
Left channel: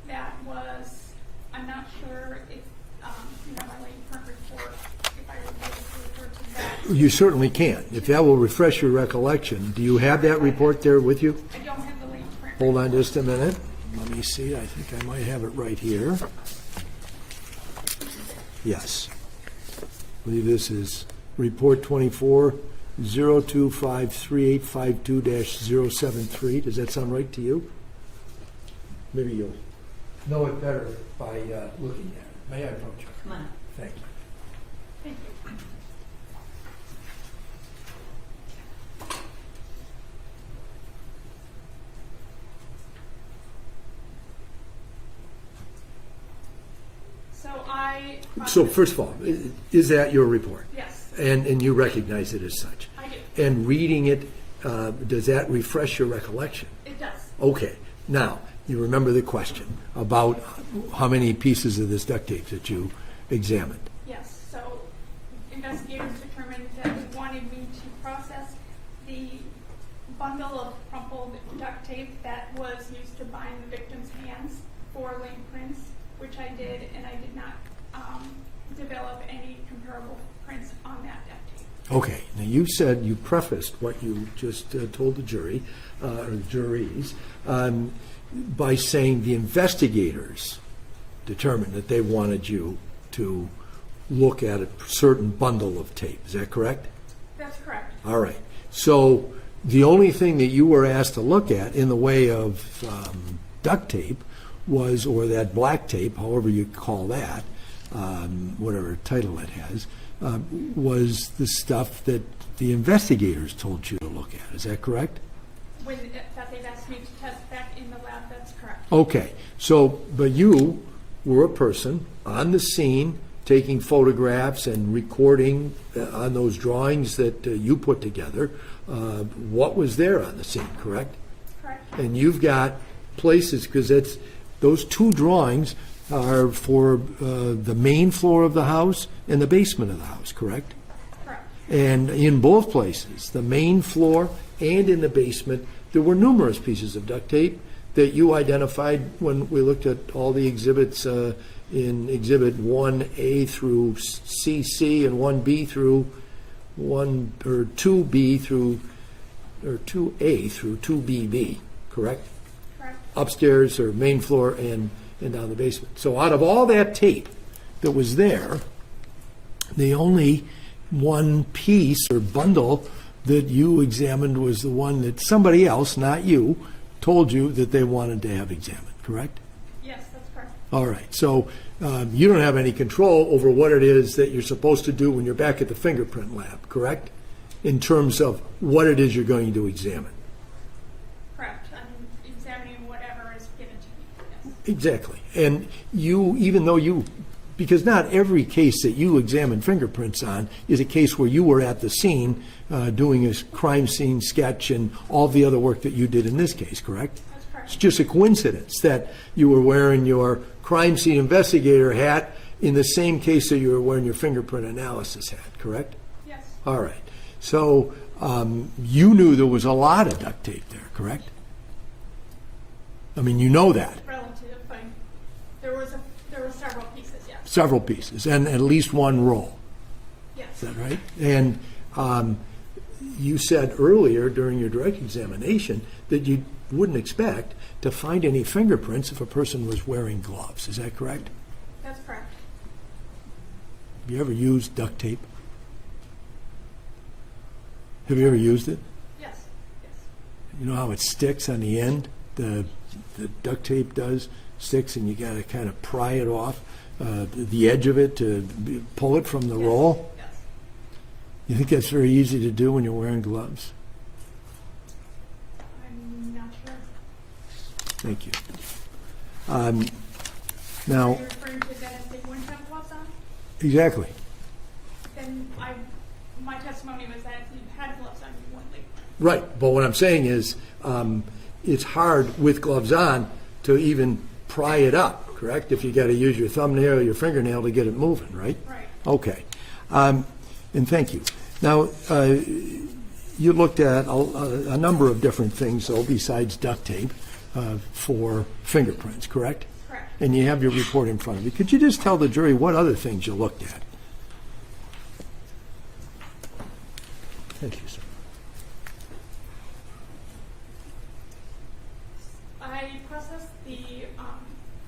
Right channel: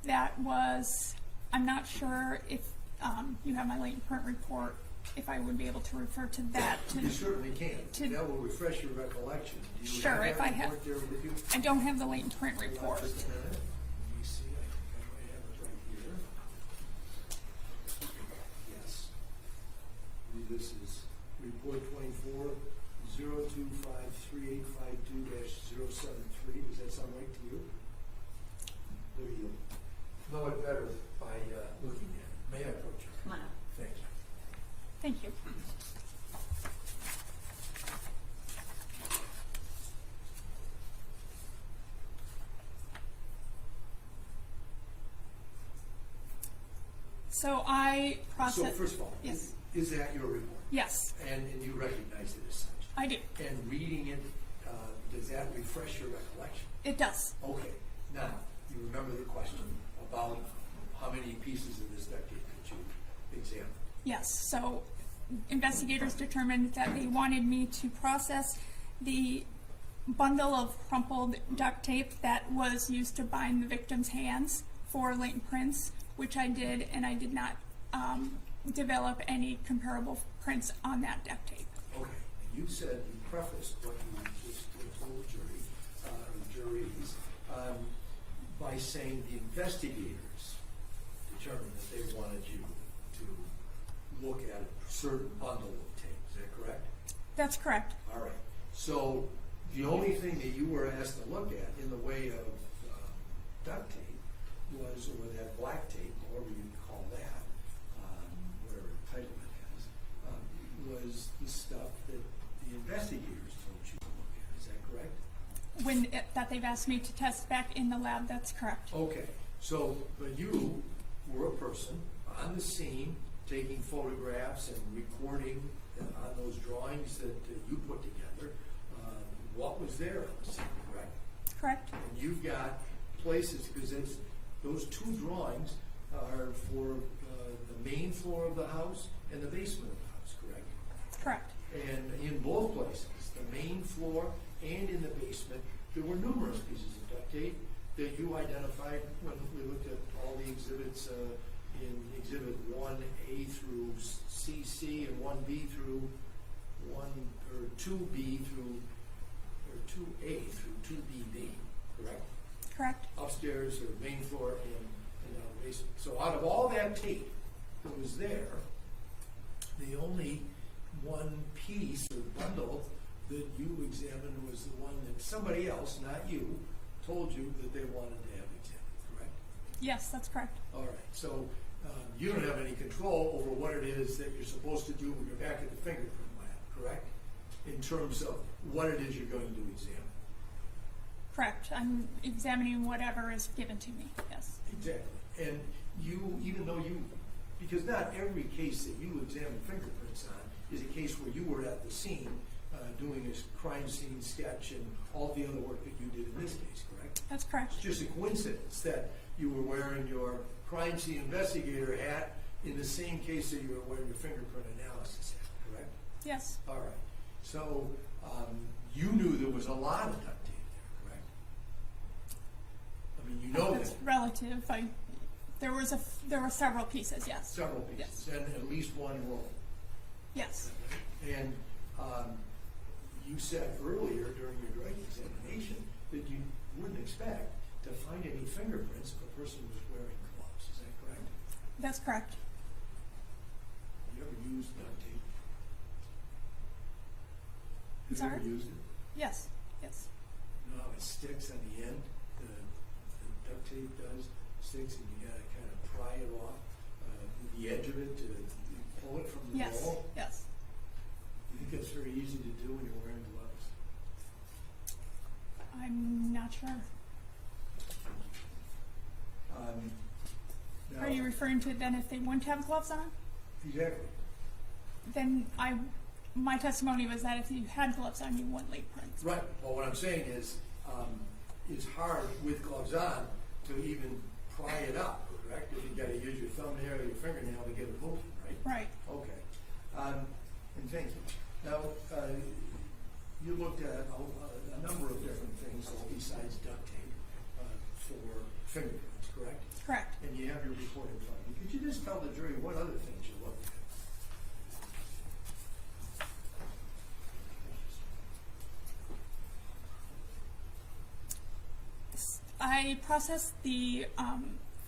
that was, I'm not sure if you have my latent print report, if I would be able to refer to that. You certainly can. If that will refresh your recollection. Do you have that report there with you? I don't have the latent print Hold report. on just a minute. Let me see. I think I might have it right here. Yes. I believe this is report 24-0253-852-073. Does that sound right to you? Maybe you'll know it better by looking at it. May I approach you? Come on up. Thank you. Thank you. So first of all, is that your report? Yes, And you recognize it as such? I do. And reading it, does that refresh your recollection? It does. Okay. Now, you remember the question about how many pieces of this duct tape that you examined? Yes. So investigators determined that they wanted me to process the bundle of crumpled duct tape that was used to bind the victim's hands for latent prints, which I did, and I did not develop any comparable prints on that duct tape. Okay. Now, you said, you prefaced what you just told the jury, or the juries, by saying the investigators determined that they wanted you to look at a certain bundle of tape. Is that correct? That's correct. All right. So the only thing that you were asked to look at in the way of duct tape was, or that black tape, however you call that, whatever title it has, was the stuff that the investigators told you to look at. Is that correct? That they've asked me to test back in the lab, that's correct. Okay. So, but you were a person on the scene taking photographs and recording on those drawings that you put together what was there on the scene, correct? Correct. And you've got places, because those two drawings are for the main floor of the house and the basement of the house, correct? Correct. And in both places, the main floor and in the basement, there were numerous pieces of duct tape that you identified when we looked at all the exhibits in Exhibit 1A through CC and 1B through 2B through, or 2A through 2BB, correct? Correct. Upstairs or main floor and down the basement. So out of all that tape that was there, the only one piece or bundle that you examined was the one that somebody else, not you, told you that they wanted to have examined, correct? Yes, that's correct. All right. So you don't have any control over what it is that you're supposed to do when you're back at the fingerprint lab, correct? In terms of what it is you're going to examine. Correct. I'm examining whatever is given to me, yes. Exactly. And you, even though you, because not every case that you examine fingerprints on is a case where you were at the scene doing a crime scene sketch and all the other work that you did in this case, correct? That's correct. It's just a coincidence that you were wearing your crime scene investigator hat in the same case that you were wearing your fingerprint analysis hat, correct? Yes. All right. So you knew there was a lot of duct tape there, correct? I mean, you know that. Relative, there were several pieces, yes. Several pieces, and at least one roll. Yes. Is that right? And you said earlier during your direct examination that you wouldn't expect to find any fingerprints if a person was wearing gloves. Is that correct? That's correct. Have you ever used duct tape? Have you ever used it? Yes. Yes. You know how it sticks on the end? The duct tape sticks, and you got to kind of pry it off the edge of it to pull it from the roll. Yes. You think that's very easy to do when you're wearing gloves? I'm not sure. Thank you. Now, Are you referring to then if they wouldn't have gloves on? exactly. Then my testimony was that if you had gloves on, you wouldn't leave prints. Right, but what I'm saying is, it's hard with gloves on to even pry it up, correct? If you got to use your thumbnail or your fingernail to get it moving, right? Right. Okay, and thank you. Now, you looked at a number of different things, though, besides duct tape for fingerprints, correct? Correct. And you have your report in front of you. Could you just tell the jury what other things you looked at? Thank you, sir. I processed the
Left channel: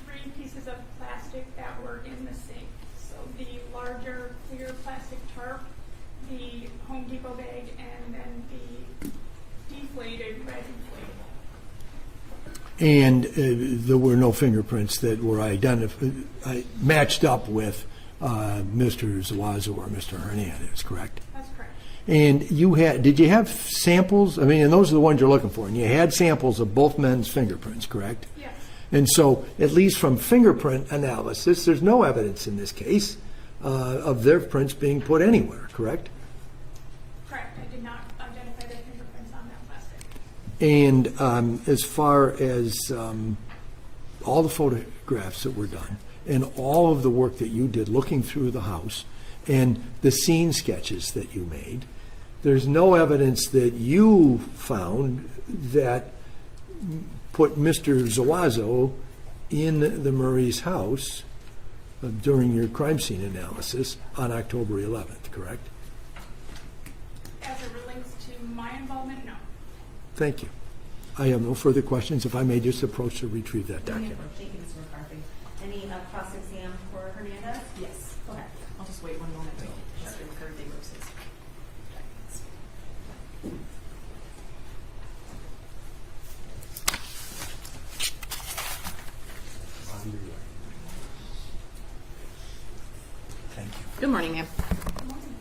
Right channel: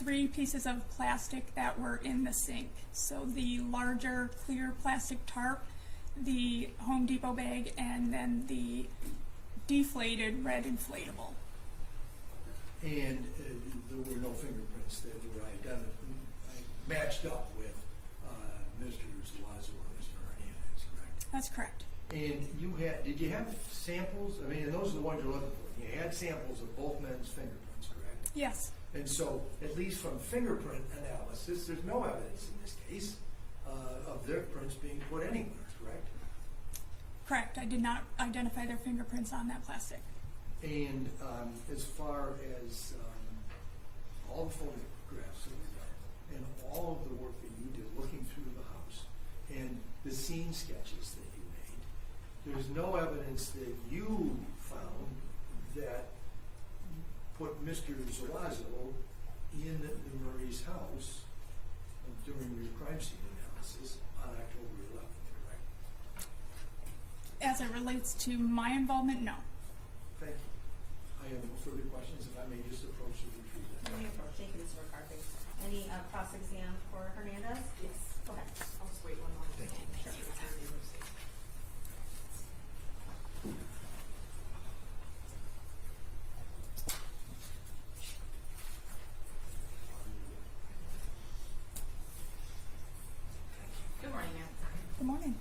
3 pieces of plastic that were in the sink. So the larger clear plastic tarp, the Home Depot bag, and then the deflated red inflatable. And there were no fingerprints that were matched up with Mr. Zuazo or Mr. Hernandez, correct? That's correct. And did you have samples? I mean, and those are the ones you're looking for. And you had samples of both men's fingerprints, correct? Yes. And so, at least from fingerprint analysis, there's no evidence in this case of their prints being put anywhere, correct? Correct. I did not identify their fingerprints on that plastic. And as far as all the photographs that were done and all of the work that you did looking through the house and the scene sketches that you made, there's no evidence that you found that put Mr. Zuazo in the Murray's house during your crime scene analysis on October 11th, correct? As it relates to my involvement, no. Thank you. I have no further questions. If I may just approach to retrieve that document. Thank you, Mr. McCarthy. Any cross-exam for Hernandez? Yes. Okay. I'll just wait 1 moment. Sure. Thank you. Good morning, ma'am. Good morning.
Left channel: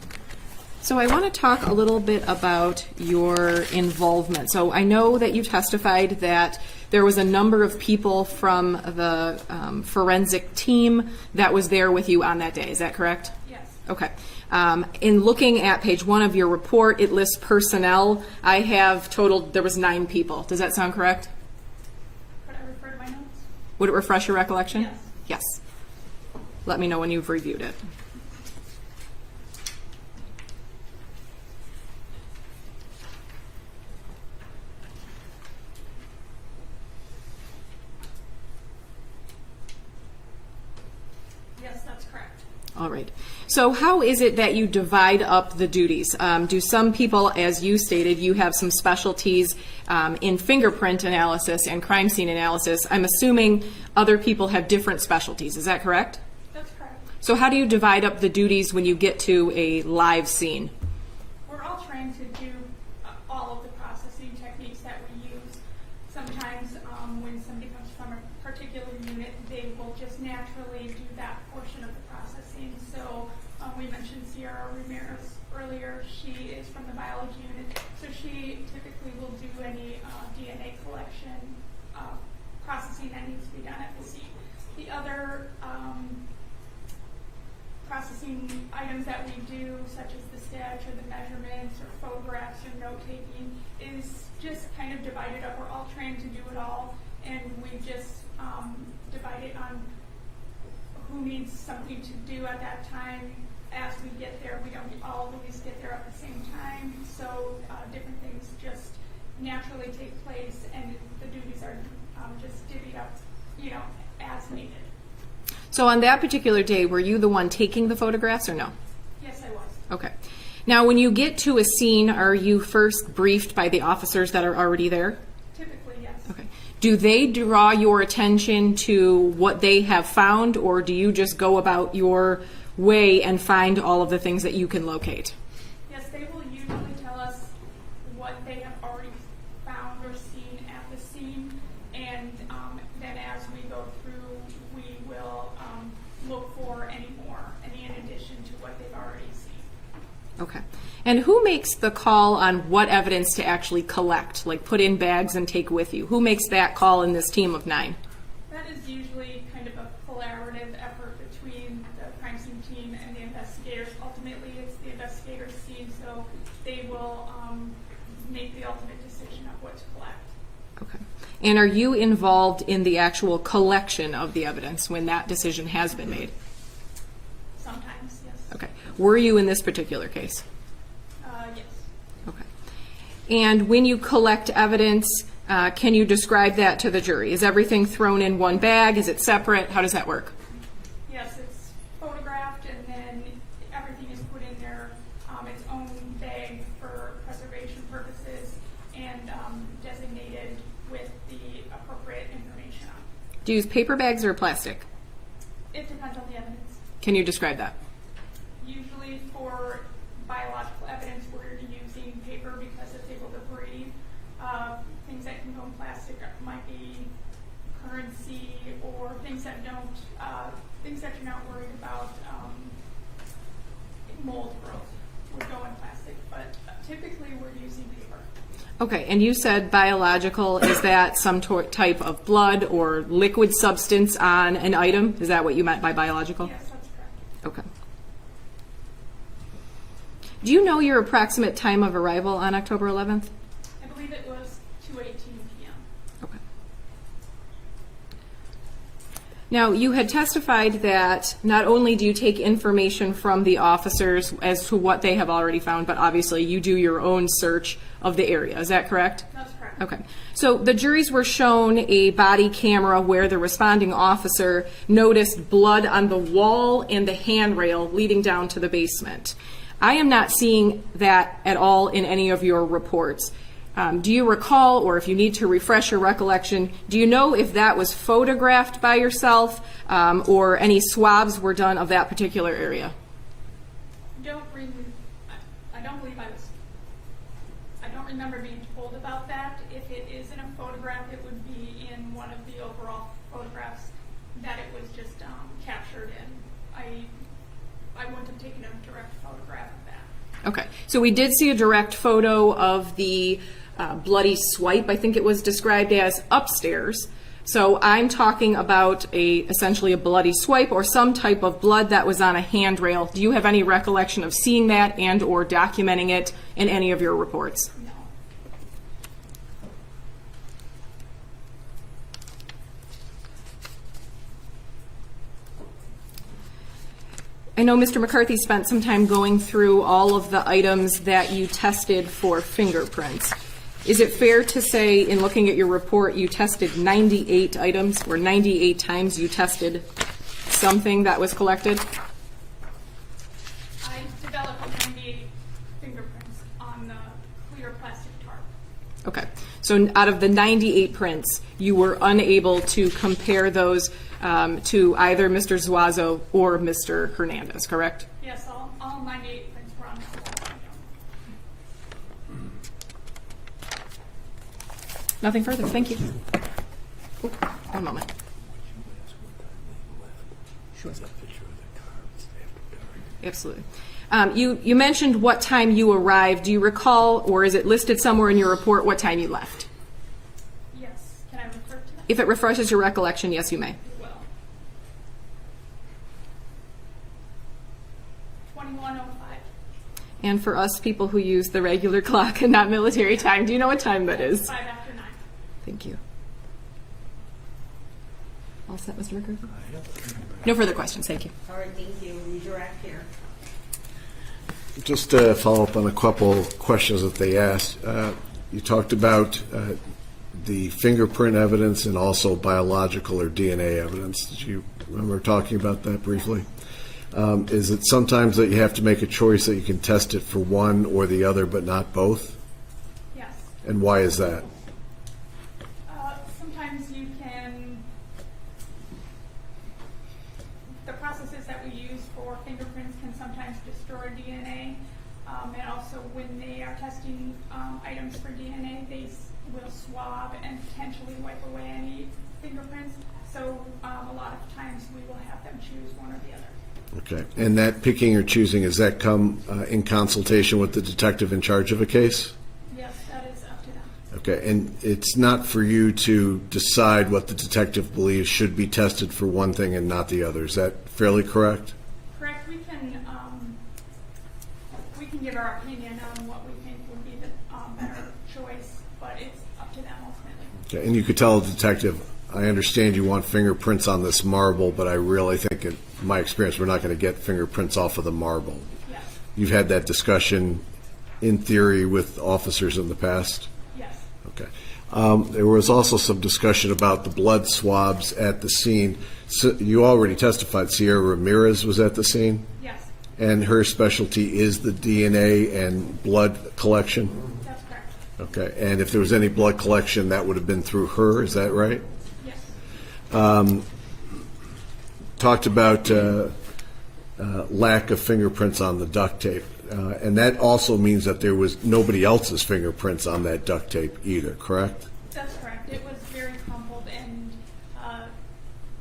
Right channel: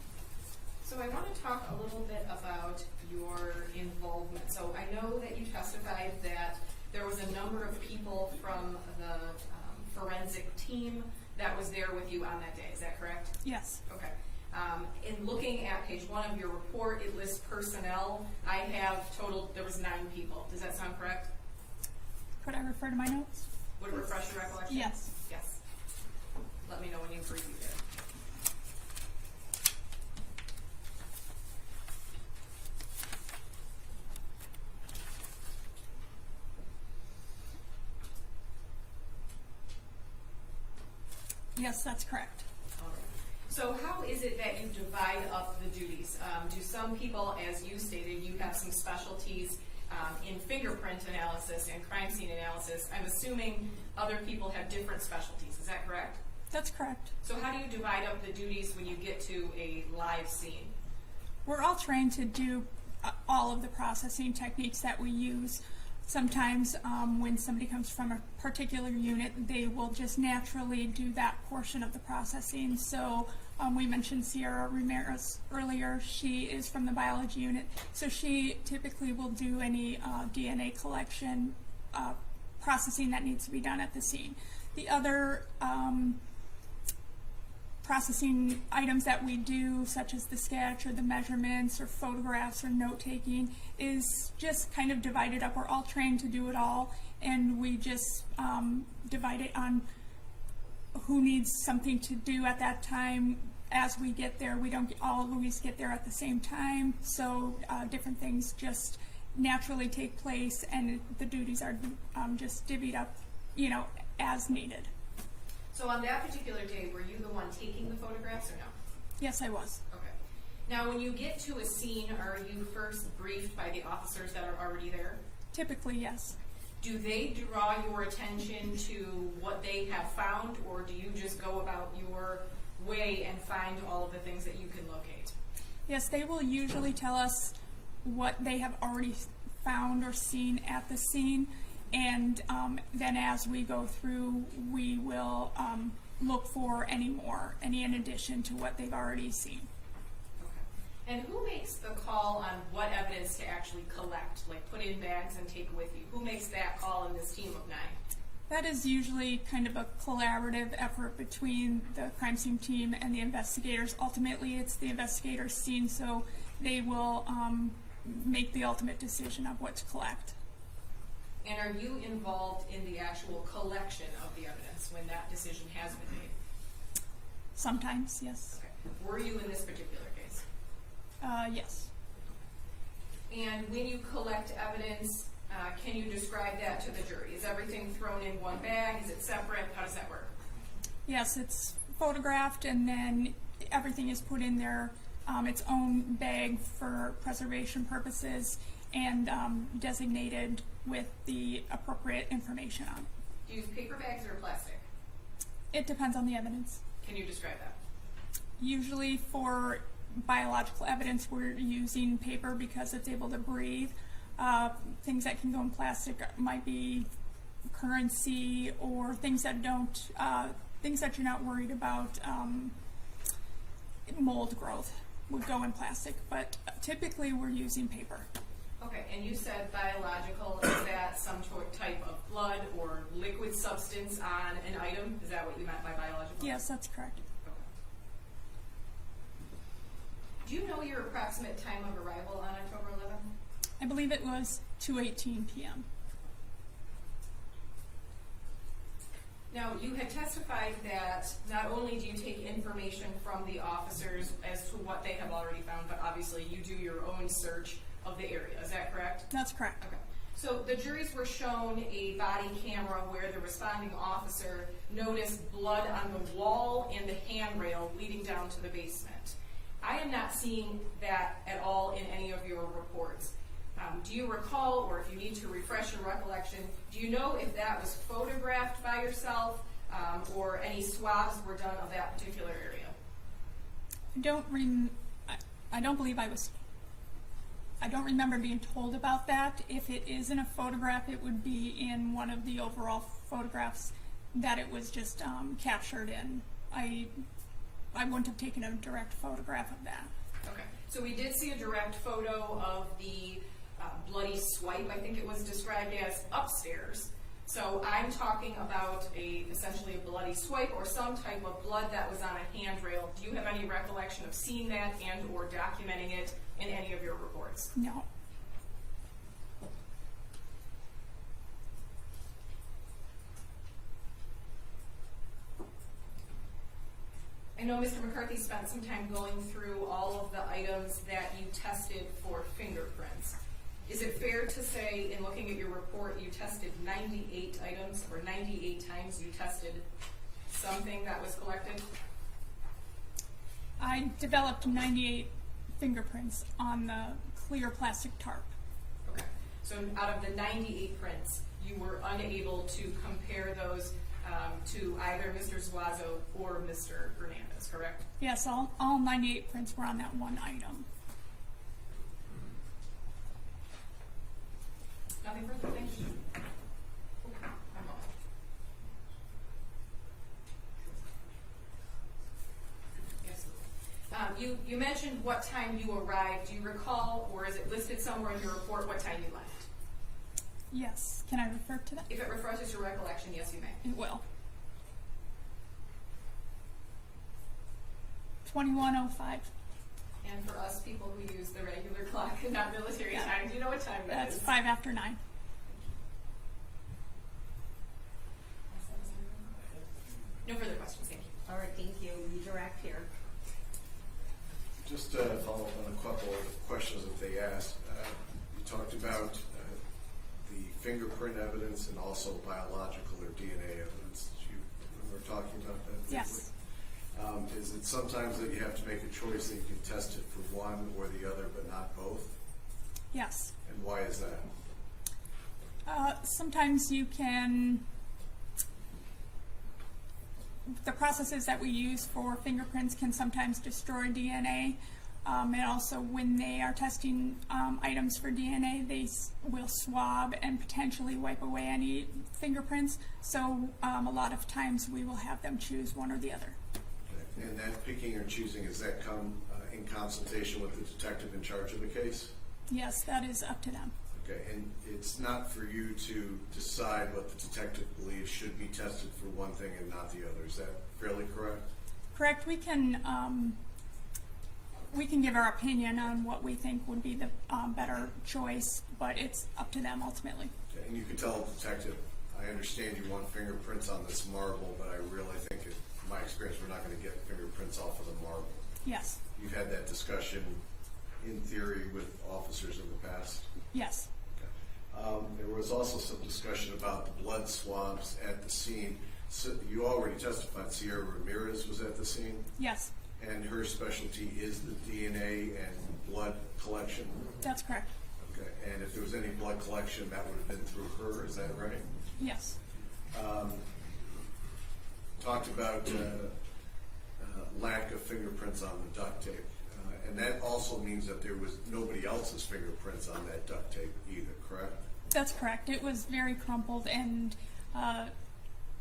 So I want to talk a little bit about your involvement. So I know that you testified that there was a number of people from the forensic team that was there with you on that day. Is that correct? Yes. Okay. In looking at page 1 of your report, it lists personnel. I have totaled, there was 9 people. Does that sound correct? Could I refer to my notes? Would it refresh your recollection? Yes. Yes. Let me know when you've reviewed it. Yes, that's correct. All right. So how is it that you divide up the duties? Do some people, as you stated, you have some specialties in fingerprint analysis and crime scene analysis. I'm assuming other people have different specialties. Is that correct? That's correct. So how do you divide up the duties when you get to a live scene? We're all trained to do all of the processing techniques that we use. Sometimes when somebody comes from a particular unit, they will just naturally do that portion of the processing. So we mentioned Sierra Ramirez earlier. She is from the biology unit. So she typically will do any DNA collection processing that needs to be done at the scene. The other processing items that we do, such as the sketch or the measurements or photographs or note-taking, is just kind of divided up. We're all trained to do it all, and we just divide it on who needs something to do at that time as we get there, we don't all always get there at the same time, so different things just naturally take place, and the duties are just divvied up, as needed. So on that particular day, were you the one taking the photographs or no? Yes, I was. Okay. Now, when you get to a scene, are you first briefed by the officers that are already there? Typically, yes. Okay. Do they draw your attention to what they have found, or do you just go about your way and find all of the things that you can locate? Yes, they will usually tell us what they have already found or seen at the scene, and then as we go through, we will look for any in addition to what they've already seen. Okay. And who makes the call on what evidence to actually collect, like put in bags and take with you? Who makes that call in this team of 9? That is usually kind of a collaborative effort between the crime scene team and the investigators. Ultimately, it's the investigators' scene, so they will make the ultimate decision of what to collect. Okay. And are you involved in the actual collection of the evidence when that decision has been made? Sometimes, yes. Okay. Were you in this particular case? Yes. Okay. And when you collect evidence, can you describe that to the jury? Is everything thrown in one bag? Is it separate? How does that work? Yes, it's photographed, and then everything is put in their its own bag for preservation purposes, and designated with the appropriate information on. Do you use paper bags or plastic? It depends on the evidence. Can you describe that? Usually for biological evidence, we're using paper because it's able to breathe. Things that can go in plastic might be currency or things that don't, things that you're not worried about. Mold growth would go in plastic, but typically we're using paper. Okay, and you said biological. Is that some type of blood or liquid substance on an item? Is that what you meant by biological? Yes, that's correct. Okay. Do you know your approximate time of arrival on October 11th? I believe it was 2:18 p.m. Okay. Now, you had testified that not only do you take information from the officers as to what they have already found, but obviously you do your own search of the area. Is that correct? That's correct. Okay. So the juries were shown a body camera where the responding officer noticed blood on the wall and the handrail leading down to the basement. I am not seeing that at all in any of your reports. Do you recall, or if you need to refresh your recollection, do you know if that was photographed by yourself or any swabs were done of that particular area? I don't remember being told about that. If it is in a photograph, it would be in one of the overall photographs that it was just captured in. I wouldn't have taken a direct photograph of that. Okay, so we did see a direct photo of the bloody swipe, I think it was described as, upstairs. So I'm talking about essentially a bloody swipe or some type of blood that was on a handrail. Do you have any recollection of seeing that and or documenting it in any of your reports? No. I know Mr. McCarthy spent some time going through all of the items that you tested for fingerprints. Is it fair to say, in looking at your report, you tested 98 items, or 98 times you tested something that was collected? I developed 98 fingerprints on the clear plastic tarp. Okay, so out of the 98 prints, you were unable to compare those to either Mr. Zuazo or Mr. Hernandez, correct? Yes, all 98 prints were on that one item. Nothing further, thank you. Oh, one moment. Sure. Absolutely. You mentioned what time you arrived. Do you recall, or is it listed somewhere in your report, what time you left? Yes. Can I refer to that? If it refreshes your recollection, yes, you may. It will. 21:05. And for us people who use the regular clock and not military time, do you know what time that That's is? 5 after 9. Thank you. All set, Mr. McCarthy? No further questions, thank you. All right, thank you. Redirect here. Just to follow up on a couple questions that they asked. You talked about the fingerprint evidence and also biological or DNA evidence. Did you remember talking about that briefly? Yes. Is it sometimes that you have to make a choice that you can test it for one or the other but not both? Yes. And why is that? Sometimes you can, the processes that we use for fingerprints can sometimes destroy DNA. And also when they are testing items for DNA, they will swab and potentially wipe away any fingerprints. So a lot of times we will have them choose one or the other. Okay. And that picking or choosing, does that come in consultation with the detective in charge of a case? Yes, that is up to them. Okay. And it's not for you to decide what the detective believes should be tested for one thing and not the other. Is that fairly correct? Correct. We can give our opinion on what we think would be the better choice, but it's up to them ultimately. Okay. And you could tell a detective, I understand you want fingerprints on this marble, but I really think, in my experience, we're not going to get fingerprints off of the marble. Yes. You've had that discussion in theory with officers in the past? Yes. Okay. There was also some discussion about the blood swabs at the scene. So you already testified Sierra Ramirez was at the scene? Yes. And her specialty is the DNA and blood collection? That's correct. Okay. And if there was any blood collection, that would have been through her, is that right? Yes. Talked about lack of fingerprints on the duct tape. And that also means that there was nobody else's fingerprints on that duct tape either, correct? That's correct. It was very crumpled, and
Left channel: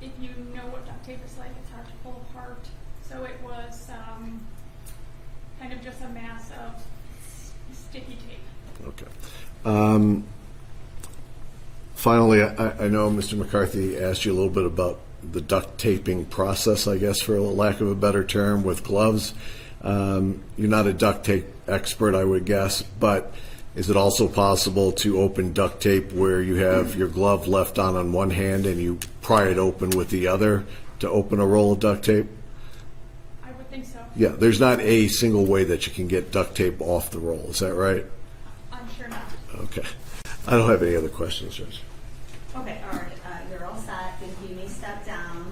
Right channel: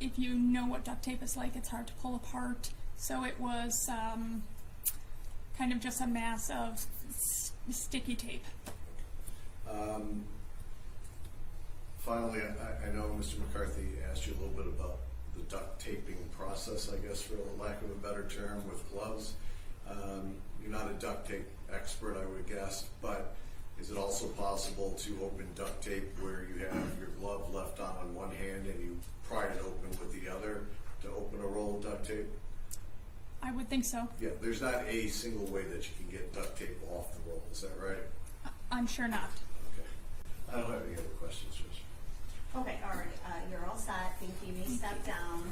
if you know what duct tape is like, it's hard to pull apart. So it was kind of just a mass of sticky tape. Okay. Finally, I know Mr. McCarthy asked you a little bit about the duct taping process, I guess, for lack of a better term, with gloves. You're not a duct tape expert, I would guess, but is it also possible to open duct tape where you have your glove left on one hand and you pry it open with the other to open a roll of duct tape? I would think so. Yeah, there's not a single way that you can get duct tape off the roll, is that right? I'm sure not. Okay. I don't have any other questions, Judge. Okay, all right, you're all set. Thank you. You may step down.